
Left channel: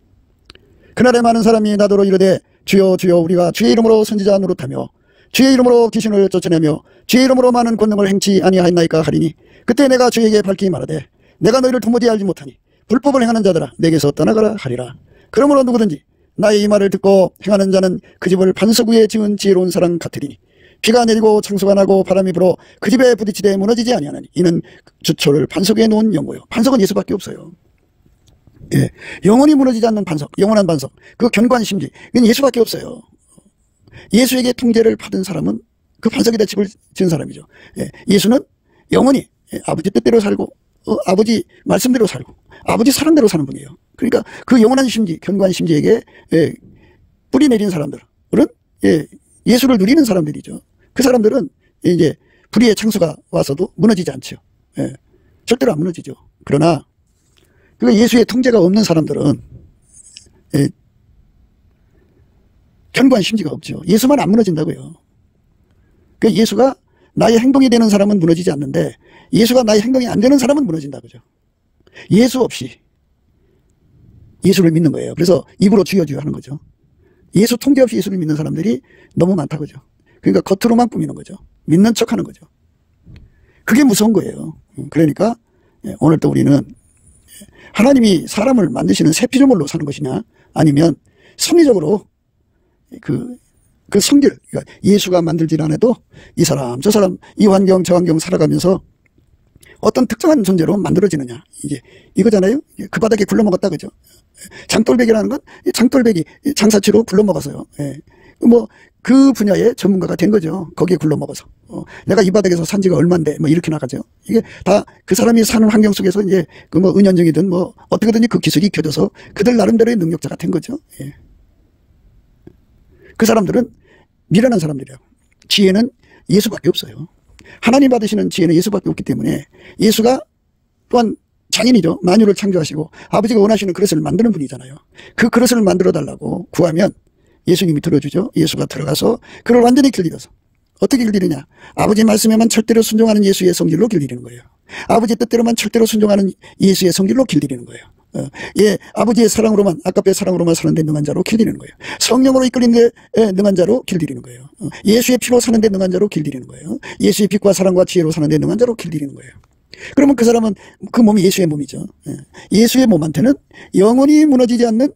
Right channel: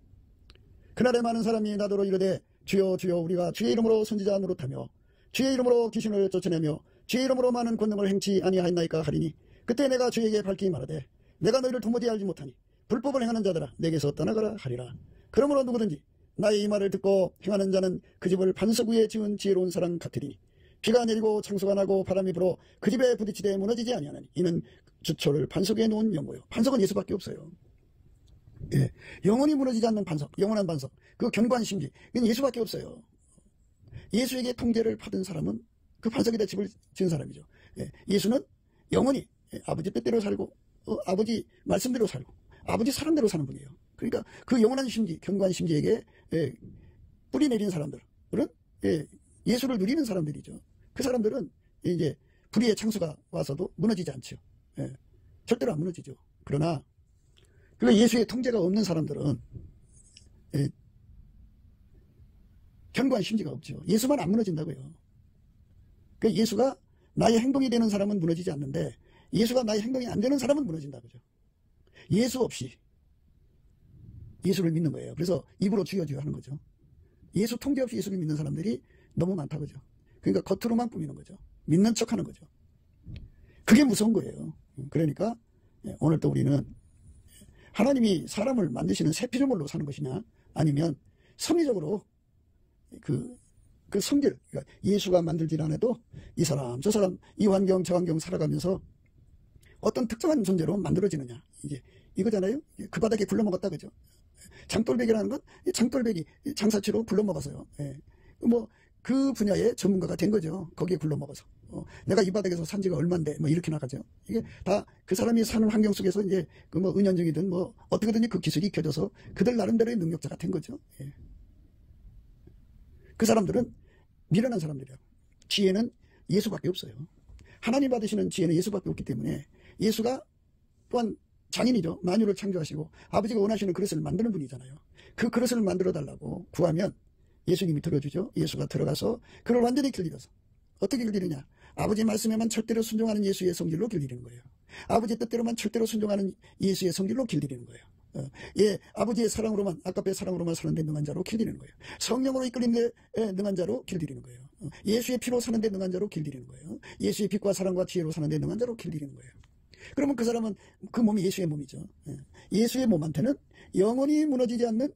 그날에 많은 사람이 나더러 이르되 주여 주여 우리가 주의 이름으로 선지자 노릇하며 주의 이름으로 귀신을 쫓아내며 주의 이름으로 많은 권능을 행치 아니하였나이까 하리니 그때 내가 주에게 밝히 말하되 내가 너희를 도무지 알지 못하니 불법을 행하는 자들아 내게서 떠나가라 하리라. 그러므로 누구든지 나의 이 말을 듣고 행하는 자는 그 집을 반석 위에 지은 지혜로운 사람 같으리니 비가 내리고 창수가 나고 바람이 불어 그 집에 부딪히되 무너지지 아니하나니 이는 주초를 반석 위에 놓은 연고요. 반석은 예수밖에 없어요. 영원히 무너지지 않는 반석, 영원한 반석, 그 견관심지, 이건 예수밖에 없어요. 예수에게 통제를 받은 사람은 그 반석에다 집을 지은 사람이죠. 예수는 영원히 아버지 뜻대로 살고 아버지 말씀대로 살고 아버지 사랑대로 사는 분이에요. 그러니까 그 영원한 심지, 견관심지에게 뿌리 내린 사람들은 예수를 누리는 사람들이죠. 그 사람들은 이제 불의의 창수가 와서도 무너지지 않죠. 절대로 안 무너지죠. 그러나 그 예수의 통제가 없는 사람들은 견관심지가 없죠. 예수만 안 무너진다고요. 그 예수가 나의 행동이 되는 사람은 무너지지 않는데 예수가 나의 행동이 안 되는 사람은 무너진다고죠. 예수 없이 예수를 믿는 거예요. 그래서 입으로 주여 주여 하는 거죠. 예수 통제 없이 예수를 믿는 사람들이 너무 많다고죠. 그러니까 겉으로만 꾸미는 거죠. 믿는 척하는 거죠. 그게 무서운 거예요. 그러니까 오늘도 우리는 하나님이 사람을 만드시는 새 피조물로 사는 것이냐 아니면 섭리적으로 그 성질, 그러니까 예수가 만들질 않아도 이 사람 저 사람 이 환경 저 환경 살아가면서 어떤 특정한 존재로 만들어지느냐 이게 이거잖아요. 그 바닥에 굴러먹었다 그죠. 장돌배기라는 건 장돌배기 장사치로 굴러먹었어요. 뭐 그 분야의 전문가가 된 거죠. 거기에 굴러먹어서. 내가 이 바닥에서 산 지가 얼만데, 뭐 이렇게 나가죠. 이게 다 그 사람이 사는 환경 속에서 이제 그 뭐 은연중이든 뭐 어떻게든지 그 기술이 익혀져서 그들 나름대로의 능력자가 된 거죠. 예. 그 사람들은 미련한 사람들이에요. 지혜는 예수밖에 없어요. 하나님 받으시는 지혜는 예수밖에 없기 때문에 예수가 또한 장인이죠. 만유를 창조하시고 아버지가 원하시는 그릇을 만드는 분이잖아요. 그 그릇을 만들어 달라고 구하면 예수님이 들어주죠. 예수가 들어가서 그를 완전히 길들여서 어떻게 길들이냐. 아버지 말씀에만 절대로 순종하는 예수의 성질로 길들이는 거예요. 아버지 뜻대로만 절대로 순종하는 예수의 성질로 길들이는 거예요. 예, 아버지의 사랑으로만, 아까의 사랑으로만 사는 데 능한 자로 길들이는 거예요. 성령으로 이끌린 데 능한 자로 길들이는 거예요. 예수의 피로 사는 데 능한 자로 길들이는 거예요. 예수의 빛과 사랑과 지혜로 사는 데 능한 자로 길들이는 거예요. 그러면 그 사람은 그 몸이 예수의 몸이죠. 예수의 몸한테는 영원히 무너지지 않는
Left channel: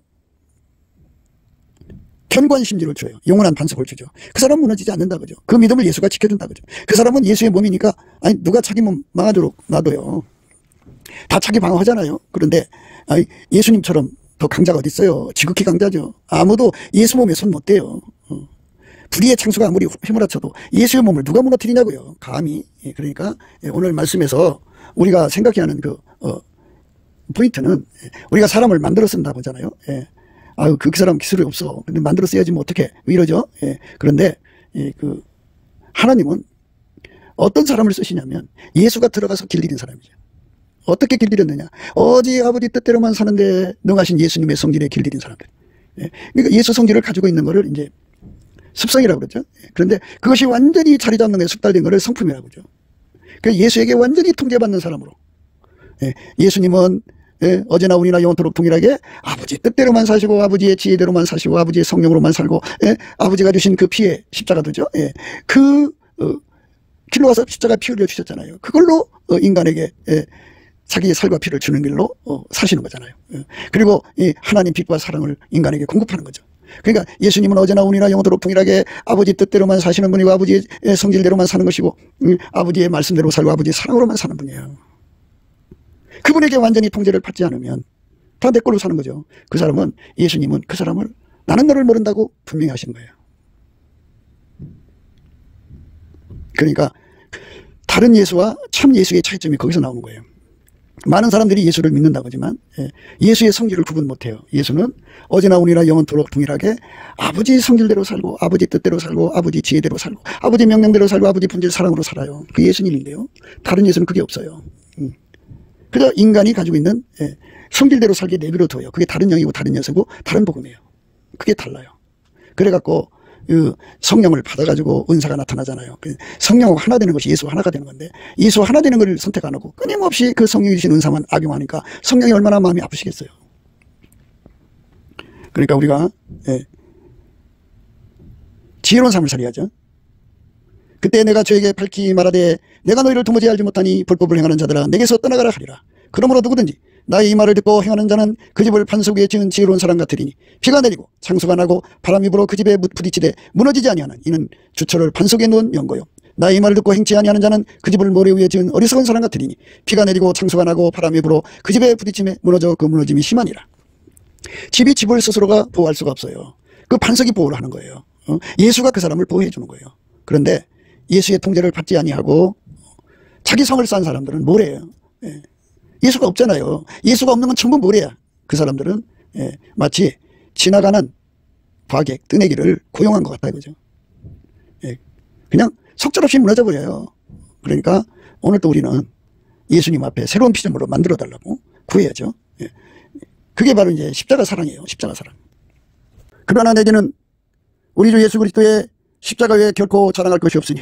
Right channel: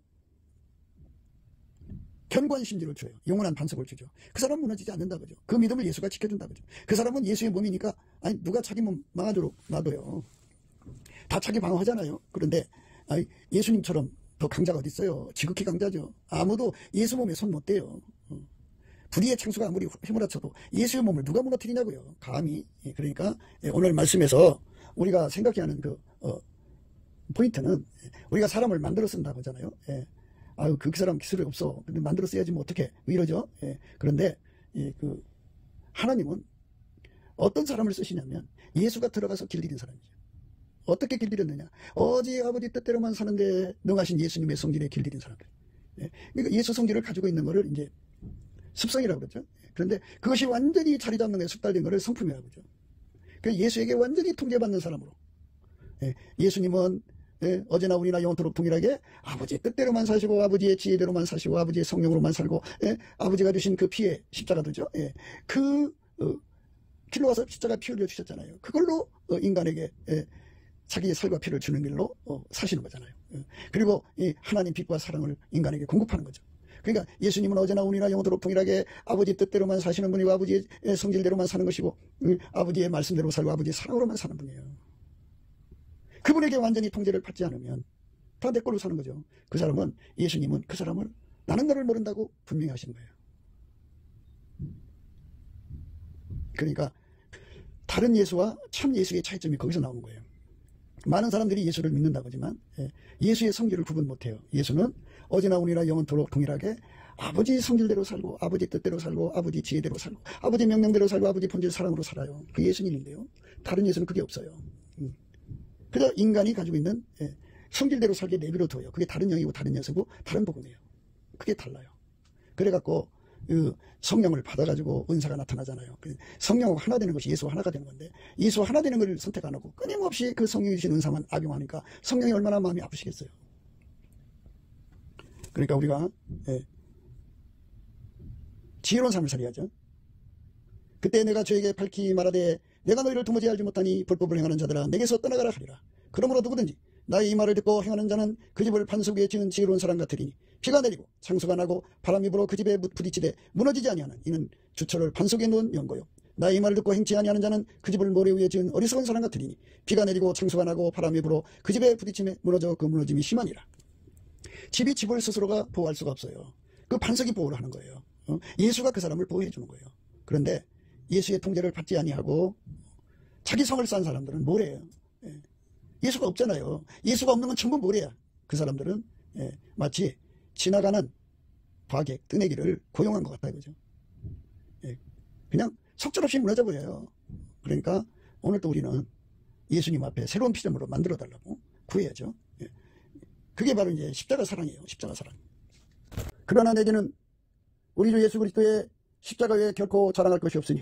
견고한 심지를 줘요. 영원한 반석을 주죠. 그 사람은 무너지지 않는다 그죠. 그 믿음을 예수가 지켜준다 그죠. 그 사람은 예수의 몸이니까 아니 누가 자기 몸 망하도록 놔둬요. 다 자기 방어하잖아요. 그런데 아니, 예수님처럼 더 강자가 어디 있어요. 지극히 강자죠. 아무도 예수 몸에 손 못 대요. 불의의 창수가 아무리 휘몰아쳐도 예수의 몸을 누가 무너뜨리냐고요. 감히. 그러니까 오늘 말씀에서 우리가 생각해야 하는 그 포인트는 우리가 사람을 만들어 쓴다고 하잖아요. 아유 그 사람 기술이 없어. 근데 만들어 써야지 뭐 어떻게 왜 이러죠? 그런데 그 하나님은 어떤 사람을 쓰시냐면 예수가 들어가서 길들인 사람이죠. 어떻게 길들였느냐? 오직 아버지 뜻대로만 사는데 능하신 예수님의 성질에 길들인 사람들. 그러니까 예수 성질을 가지고 있는 거를 이제 습성이라고 그러죠. 그런데 그것이 완전히 자리 잡는 게 숙달된 거를 성품이라고 그러죠. 그래서 예수에게 완전히 통제받는 사람으로. 예수님은 어제나 오늘이나 영원토록 동일하게 아버지 뜻대로만 사시고 아버지의 지혜대로만 사시고 아버지의 성령으로만 살고 아버지가 주신 그 피에 십자가도죠. 그 길로 가서 십자가 피 흘려 주셨잖아요. 그걸로 인간에게 자기의 살과 피를 주는 길로 사시는 거잖아요. 그리고 이 하나님 빛과 사랑을 인간에게 공급하는 거죠. 그러니까 예수님은 어제나 오늘이나 영원토록 동일하게 아버지 뜻대로만 사시는 분이고 아버지의 성질대로만 사는 것이고 아버지의 말씀대로 살고 아버지의 사랑으로만 사는 분이에요. 그분에게 완전히 통제를 받지 않으면 다 내 걸로 사는 거죠. 그 사람은 예수님은 그 사람을 나는 너를 모른다고 분명히 하시는 거예요. 그러니까 다른 예수와 참 예수의 차이점이 거기서 나오는 거예요. 많은 사람들이 예수를 믿는다고 하지만 예수의 성질을 구분 못해요. 예수는 어제나 오늘이나 영원토록 동일하게 아버지 성질대로 살고 아버지 뜻대로 살고 아버지 지혜대로 살고 아버지 명령대로 살고 아버지 본질 사랑으로 살아요. 그 예수님인데요. 다른 예수는 그게 없어요. 그저 인간이 가지고 있는 성질대로 살게 내버려둬요. 그게 다른 영이고 다른 녀석이고 다른 복음이에요. 그게 달라요. 그래갖고 그 성령을 받아가지고 은사가 나타나잖아요. 성령하고 하나 되는 것이 예수와 하나가 되는 건데 예수와 하나 되는 걸 선택 안 하고 끊임없이 그 성령이 주신 은사만 악용하니까 성령이 얼마나 마음이 아프시겠어요. 그러니까 우리가 지혜로운 삶을 살아야죠. 그때 내가 저에게 밝히 말하되 내가 너희를 도무지 알지 못하니 불법을 행하는 자들아 내게서 떠나가라 하리라. 그러므로 누구든지 나의 이 말을 듣고 행하는 자는 그 집을 반석 위에 지은 지혜로운 사람 같으리니 비가 내리고 창수가 나고 바람이 불어 그 집에 부딪히되 무너지지 아니하는 이는 주철을 반석에 놓은 연고요. 나의 이 말을 듣고 행치 아니하는 자는 그 집을 모래 위에 지은 어리석은 사람 같으리니 비가 내리고 창수가 나고 바람이 불어 그 집에 부딪힘에 무너져 그 무너짐이 심하니라. 집이 집을 스스로가 보호할 수가 없어요. 그 반석이 보호를 하는 거예요. 예수가 그 사람을 보호해 주는 거예요. 그런데 예수의 통제를 받지 아니하고 자기 성을 쌓은 사람들은 모래예요. 예수가 없잖아요. 예수가 없는 건 전부 모래야. 그 사람들은 마치 지나가는 과객, 뜨내기를 고용한 것 같다 이거죠. 그냥 속절없이 무너져 버려요. 그러니까 오늘 또 우리는 예수님 앞에 새로운 피조물로 만들어 달라고 구해야죠. 그게 바로 이제 십자가 사랑이에요. 십자가 사랑. 그러나 내게는 우리 주 예수 그리스도의 십자가 외에 결코 자랑할 것이 없으니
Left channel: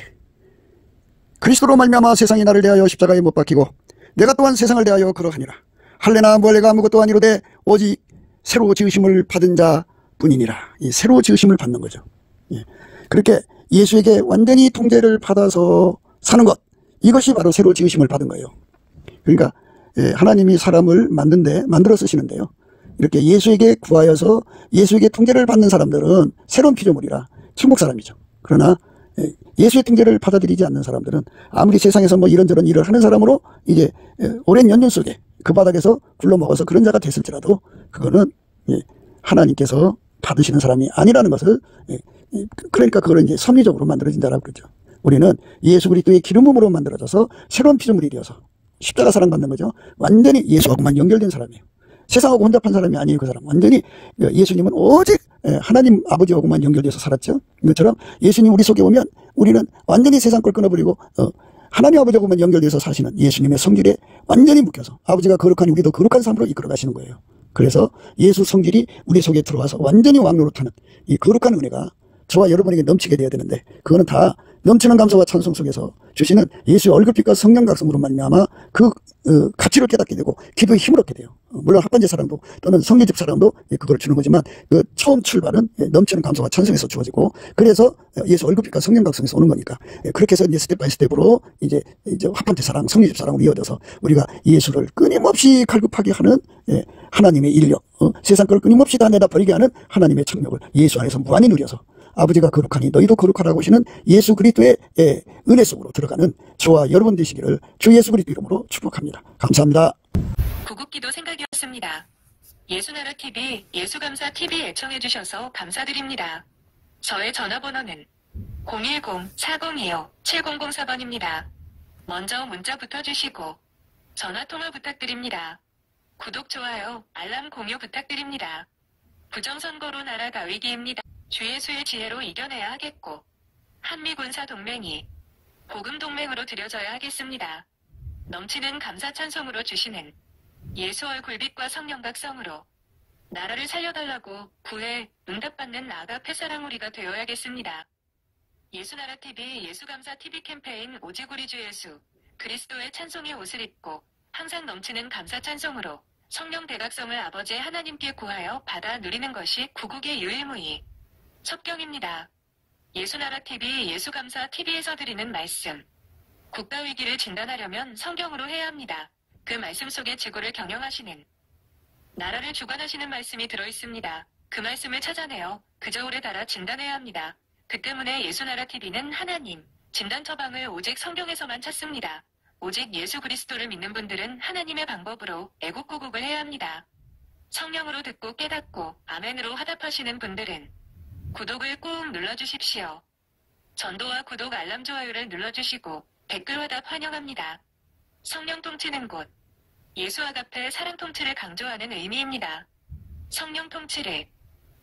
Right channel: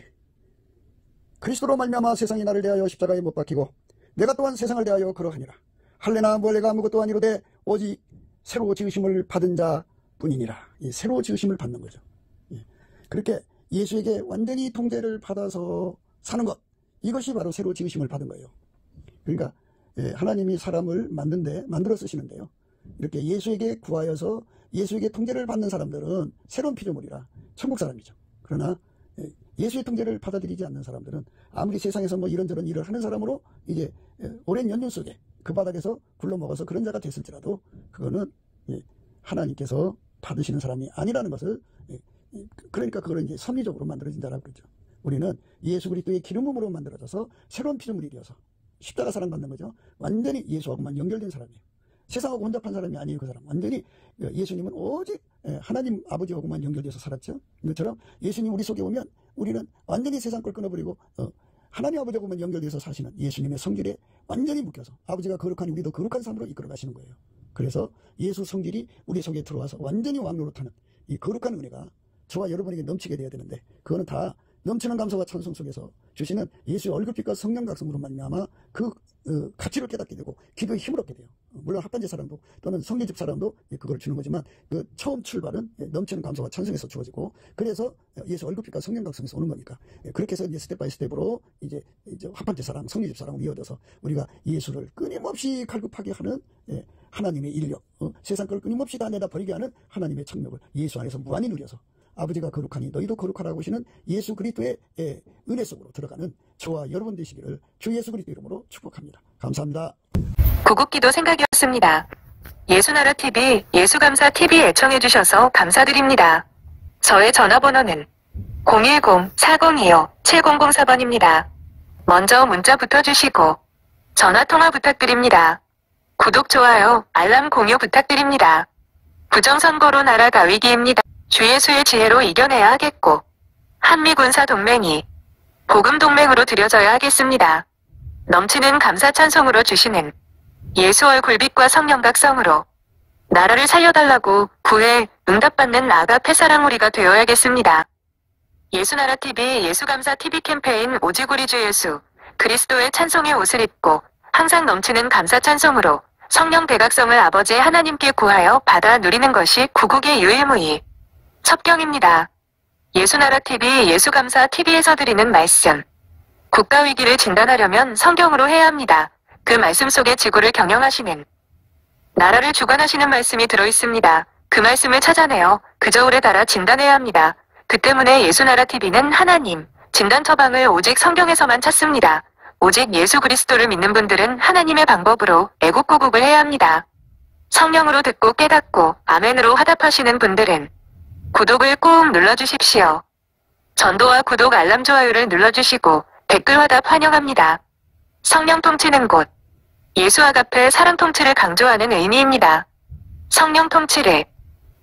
그리스도로 말미암아 세상이 나를 대하여 십자가에 못 박히고 내가 또한 세상을 대하여 그러하니라. 할례나 무할례가 아무것도 아니로되 오직 새로 지으심을 받은 자뿐이니라. 이 새로 지으심을 받는 거죠. 그렇게 예수에게 완전히 통제를 받아서 사는 것, 이것이 바로 새로 지으심을 받은 거예요. 그러니까 하나님이 사람을 만들어 쓰시는데요. 이렇게 예수에게 구하여서 예수에게 통제를 받는 사람들은 새로운 피조물이라 천국 사람이죠. 그러나 예수의 통제를 받아들이지 않는 사람들은 아무리 세상에서 뭐 이런저런 일을 하는 사람으로 이제 오랜 연륜 속에 그 바닥에서 굴러먹어서 그런 자가 됐을지라도 그거는 하나님께서 받으시는 사람이 아니라는 것을, 그러니까 그걸 이제 섭리적으로 만들어진 자라고 그러죠. 우리는 예수 그리스도의 기름 부음으로 만들어져서 새로운 피조물이 되어서 십자가 사랑받는 거죠. 완전히 예수하고만 연결된 사람이에요. 세상하고 혼잡한 사람이 아니에요. 그 사람 완전히, 예수님은 오직 하나님 아버지하고만 연결돼서 살았죠. 이것처럼 예수님 우리 속에 오면 우리는 완전히 세상 걸 끊어버리고 하나님 아버지하고만 연결돼서 사시는 예수님의 성질에 완전히 묶여서 아버지가 거룩한 우리도 거룩한 삶으로 이끌어 가시는 거예요. 그래서 예수 성질이 우리 속에 들어와서 완전히 왕노릇하는 이 거룩한 은혜가 저와 여러분에게 넘치게 돼야 되는데, 그거는 다 넘치는 감사와 찬송 속에서 주시는 예수의 얼굴빛과 성령 각성으로 말미암아 그 가치를 깨닫게 되고 기도의 힘을 얻게 돼요. 물론 합반제 사랑도 또는 성례집 사랑도 그걸 주는 거지만, 그 처음 출발은 넘치는 감사와 찬송에서 주어지고, 그래서 예수 얼굴빛과 성령 각성에서 오는 거니까, 그렇게 해서 이제 스텝 바이 스텝으로 이제 합반제 사랑, 성례집 사랑으로 이어져서 우리가 예수를 끊임없이 갈급하게 하는 하나님의 인력, 세상 걸 끊임없이 다 내다 버리게 하는 하나님의 청력을 예수 안에서 무한히 누려서 아버지가 거룩하니 너희도 거룩하라고 하시는 예수 그리스도의 은혜 속으로 들어가는 저와 여러분 되시기를 주 예수 그리스도 이름으로 축복합니다. 감사합니다. 구국기도 생각이었습니다. 예수나라TV, 예수감사TV 애청해주셔서 감사드립니다. 저의 전화번호는 010-402-7004번입니다. 먼저 문자 붙어주시고 전화통화 부탁드립니다. 구독, 좋아요, 알람 공유 부탁드립니다. 부정선거로 나라 다 위기입니다. 주 예수의 지혜로 이겨내야 하겠고, 한미군사 동맹이 복음 동맹으로 들여져야 하겠습니다. 넘치는 감사 찬송으로 주시는 예수 얼굴빛과 성령 각성으로 나라를 살려달라고 구해 응답받는 아가페 사랑 우리가 되어야겠습니다. 예수나라TV, 예수감사TV 캠페인 오직 우리 주 예수 그리스도의 찬송의 옷을 입고 항상 넘치는 감사 찬송으로 성령 대각성을 아버지 하나님께 구하여 받아 누리는 것이 구국의 유일무이 첩경입니다. 예수나라TV, 예수감사TV에서 드리는 말씀. 국가위기를 진단하려면 성경으로 해야 합니다. 그 말씀 속에 지구를 경영하시는, 나라를 주관하시는 말씀이 들어있습니다. 그 말씀을 찾아내어 그 저울에 달아 진단해야 합니다. 그 때문에 예수나라TV는 하나님, 진단 처방을 오직 성경에서만 찾습니다. 오직 예수 그리스도를 믿는 분들은 하나님의 방법으로 애국구국을 해야 합니다. 성령으로 듣고 깨닫고 아멘으로 화답하시는 분들은 구독을 꾹 눌러주십시오. 전도와 구독, 알람, 좋아요를 눌러주시고 댓글 화답 환영합니다. 성령 통치는 곳, 예수 아가페 사랑 통치를 강조하는 의미입니다. 성령 통치를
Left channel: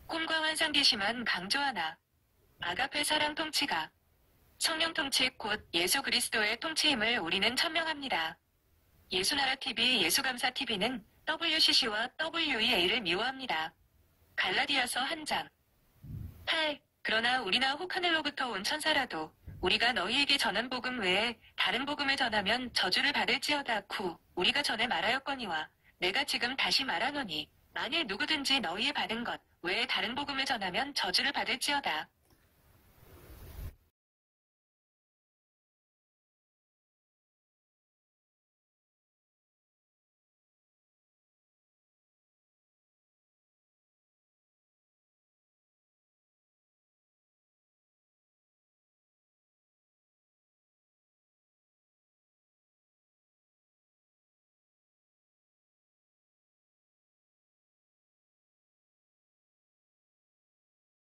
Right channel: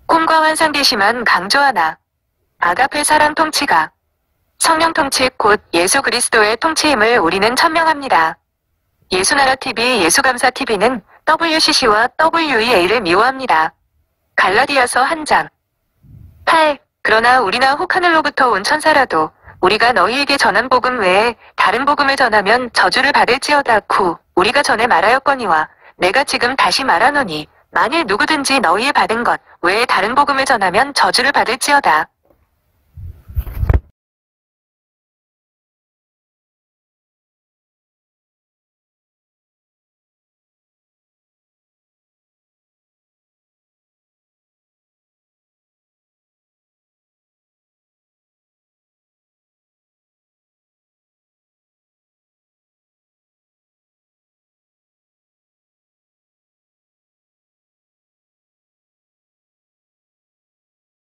꿈과 환상 계시만 강조하나 아가페 사랑 통치가 성령 통치 곧 예수 그리스도의 통치임을 우리는 천명합니다. 예수나라TV, 예수감사TV는 WCC와 WEA를 미워합니다. 갈라디아서 1장 8. 그러나 우리나 혹 하늘로부터 온 천사라도 우리가 너희에게 전한 복음 외에 다른 복음을 전하면 저주를 받을지어다. 우리가 전에 말하였거니와 내가 지금 다시 말하노니 만일 누구든지 너희의 받은 것 외에 다른 복음을 전하면 저주를 받을지어다.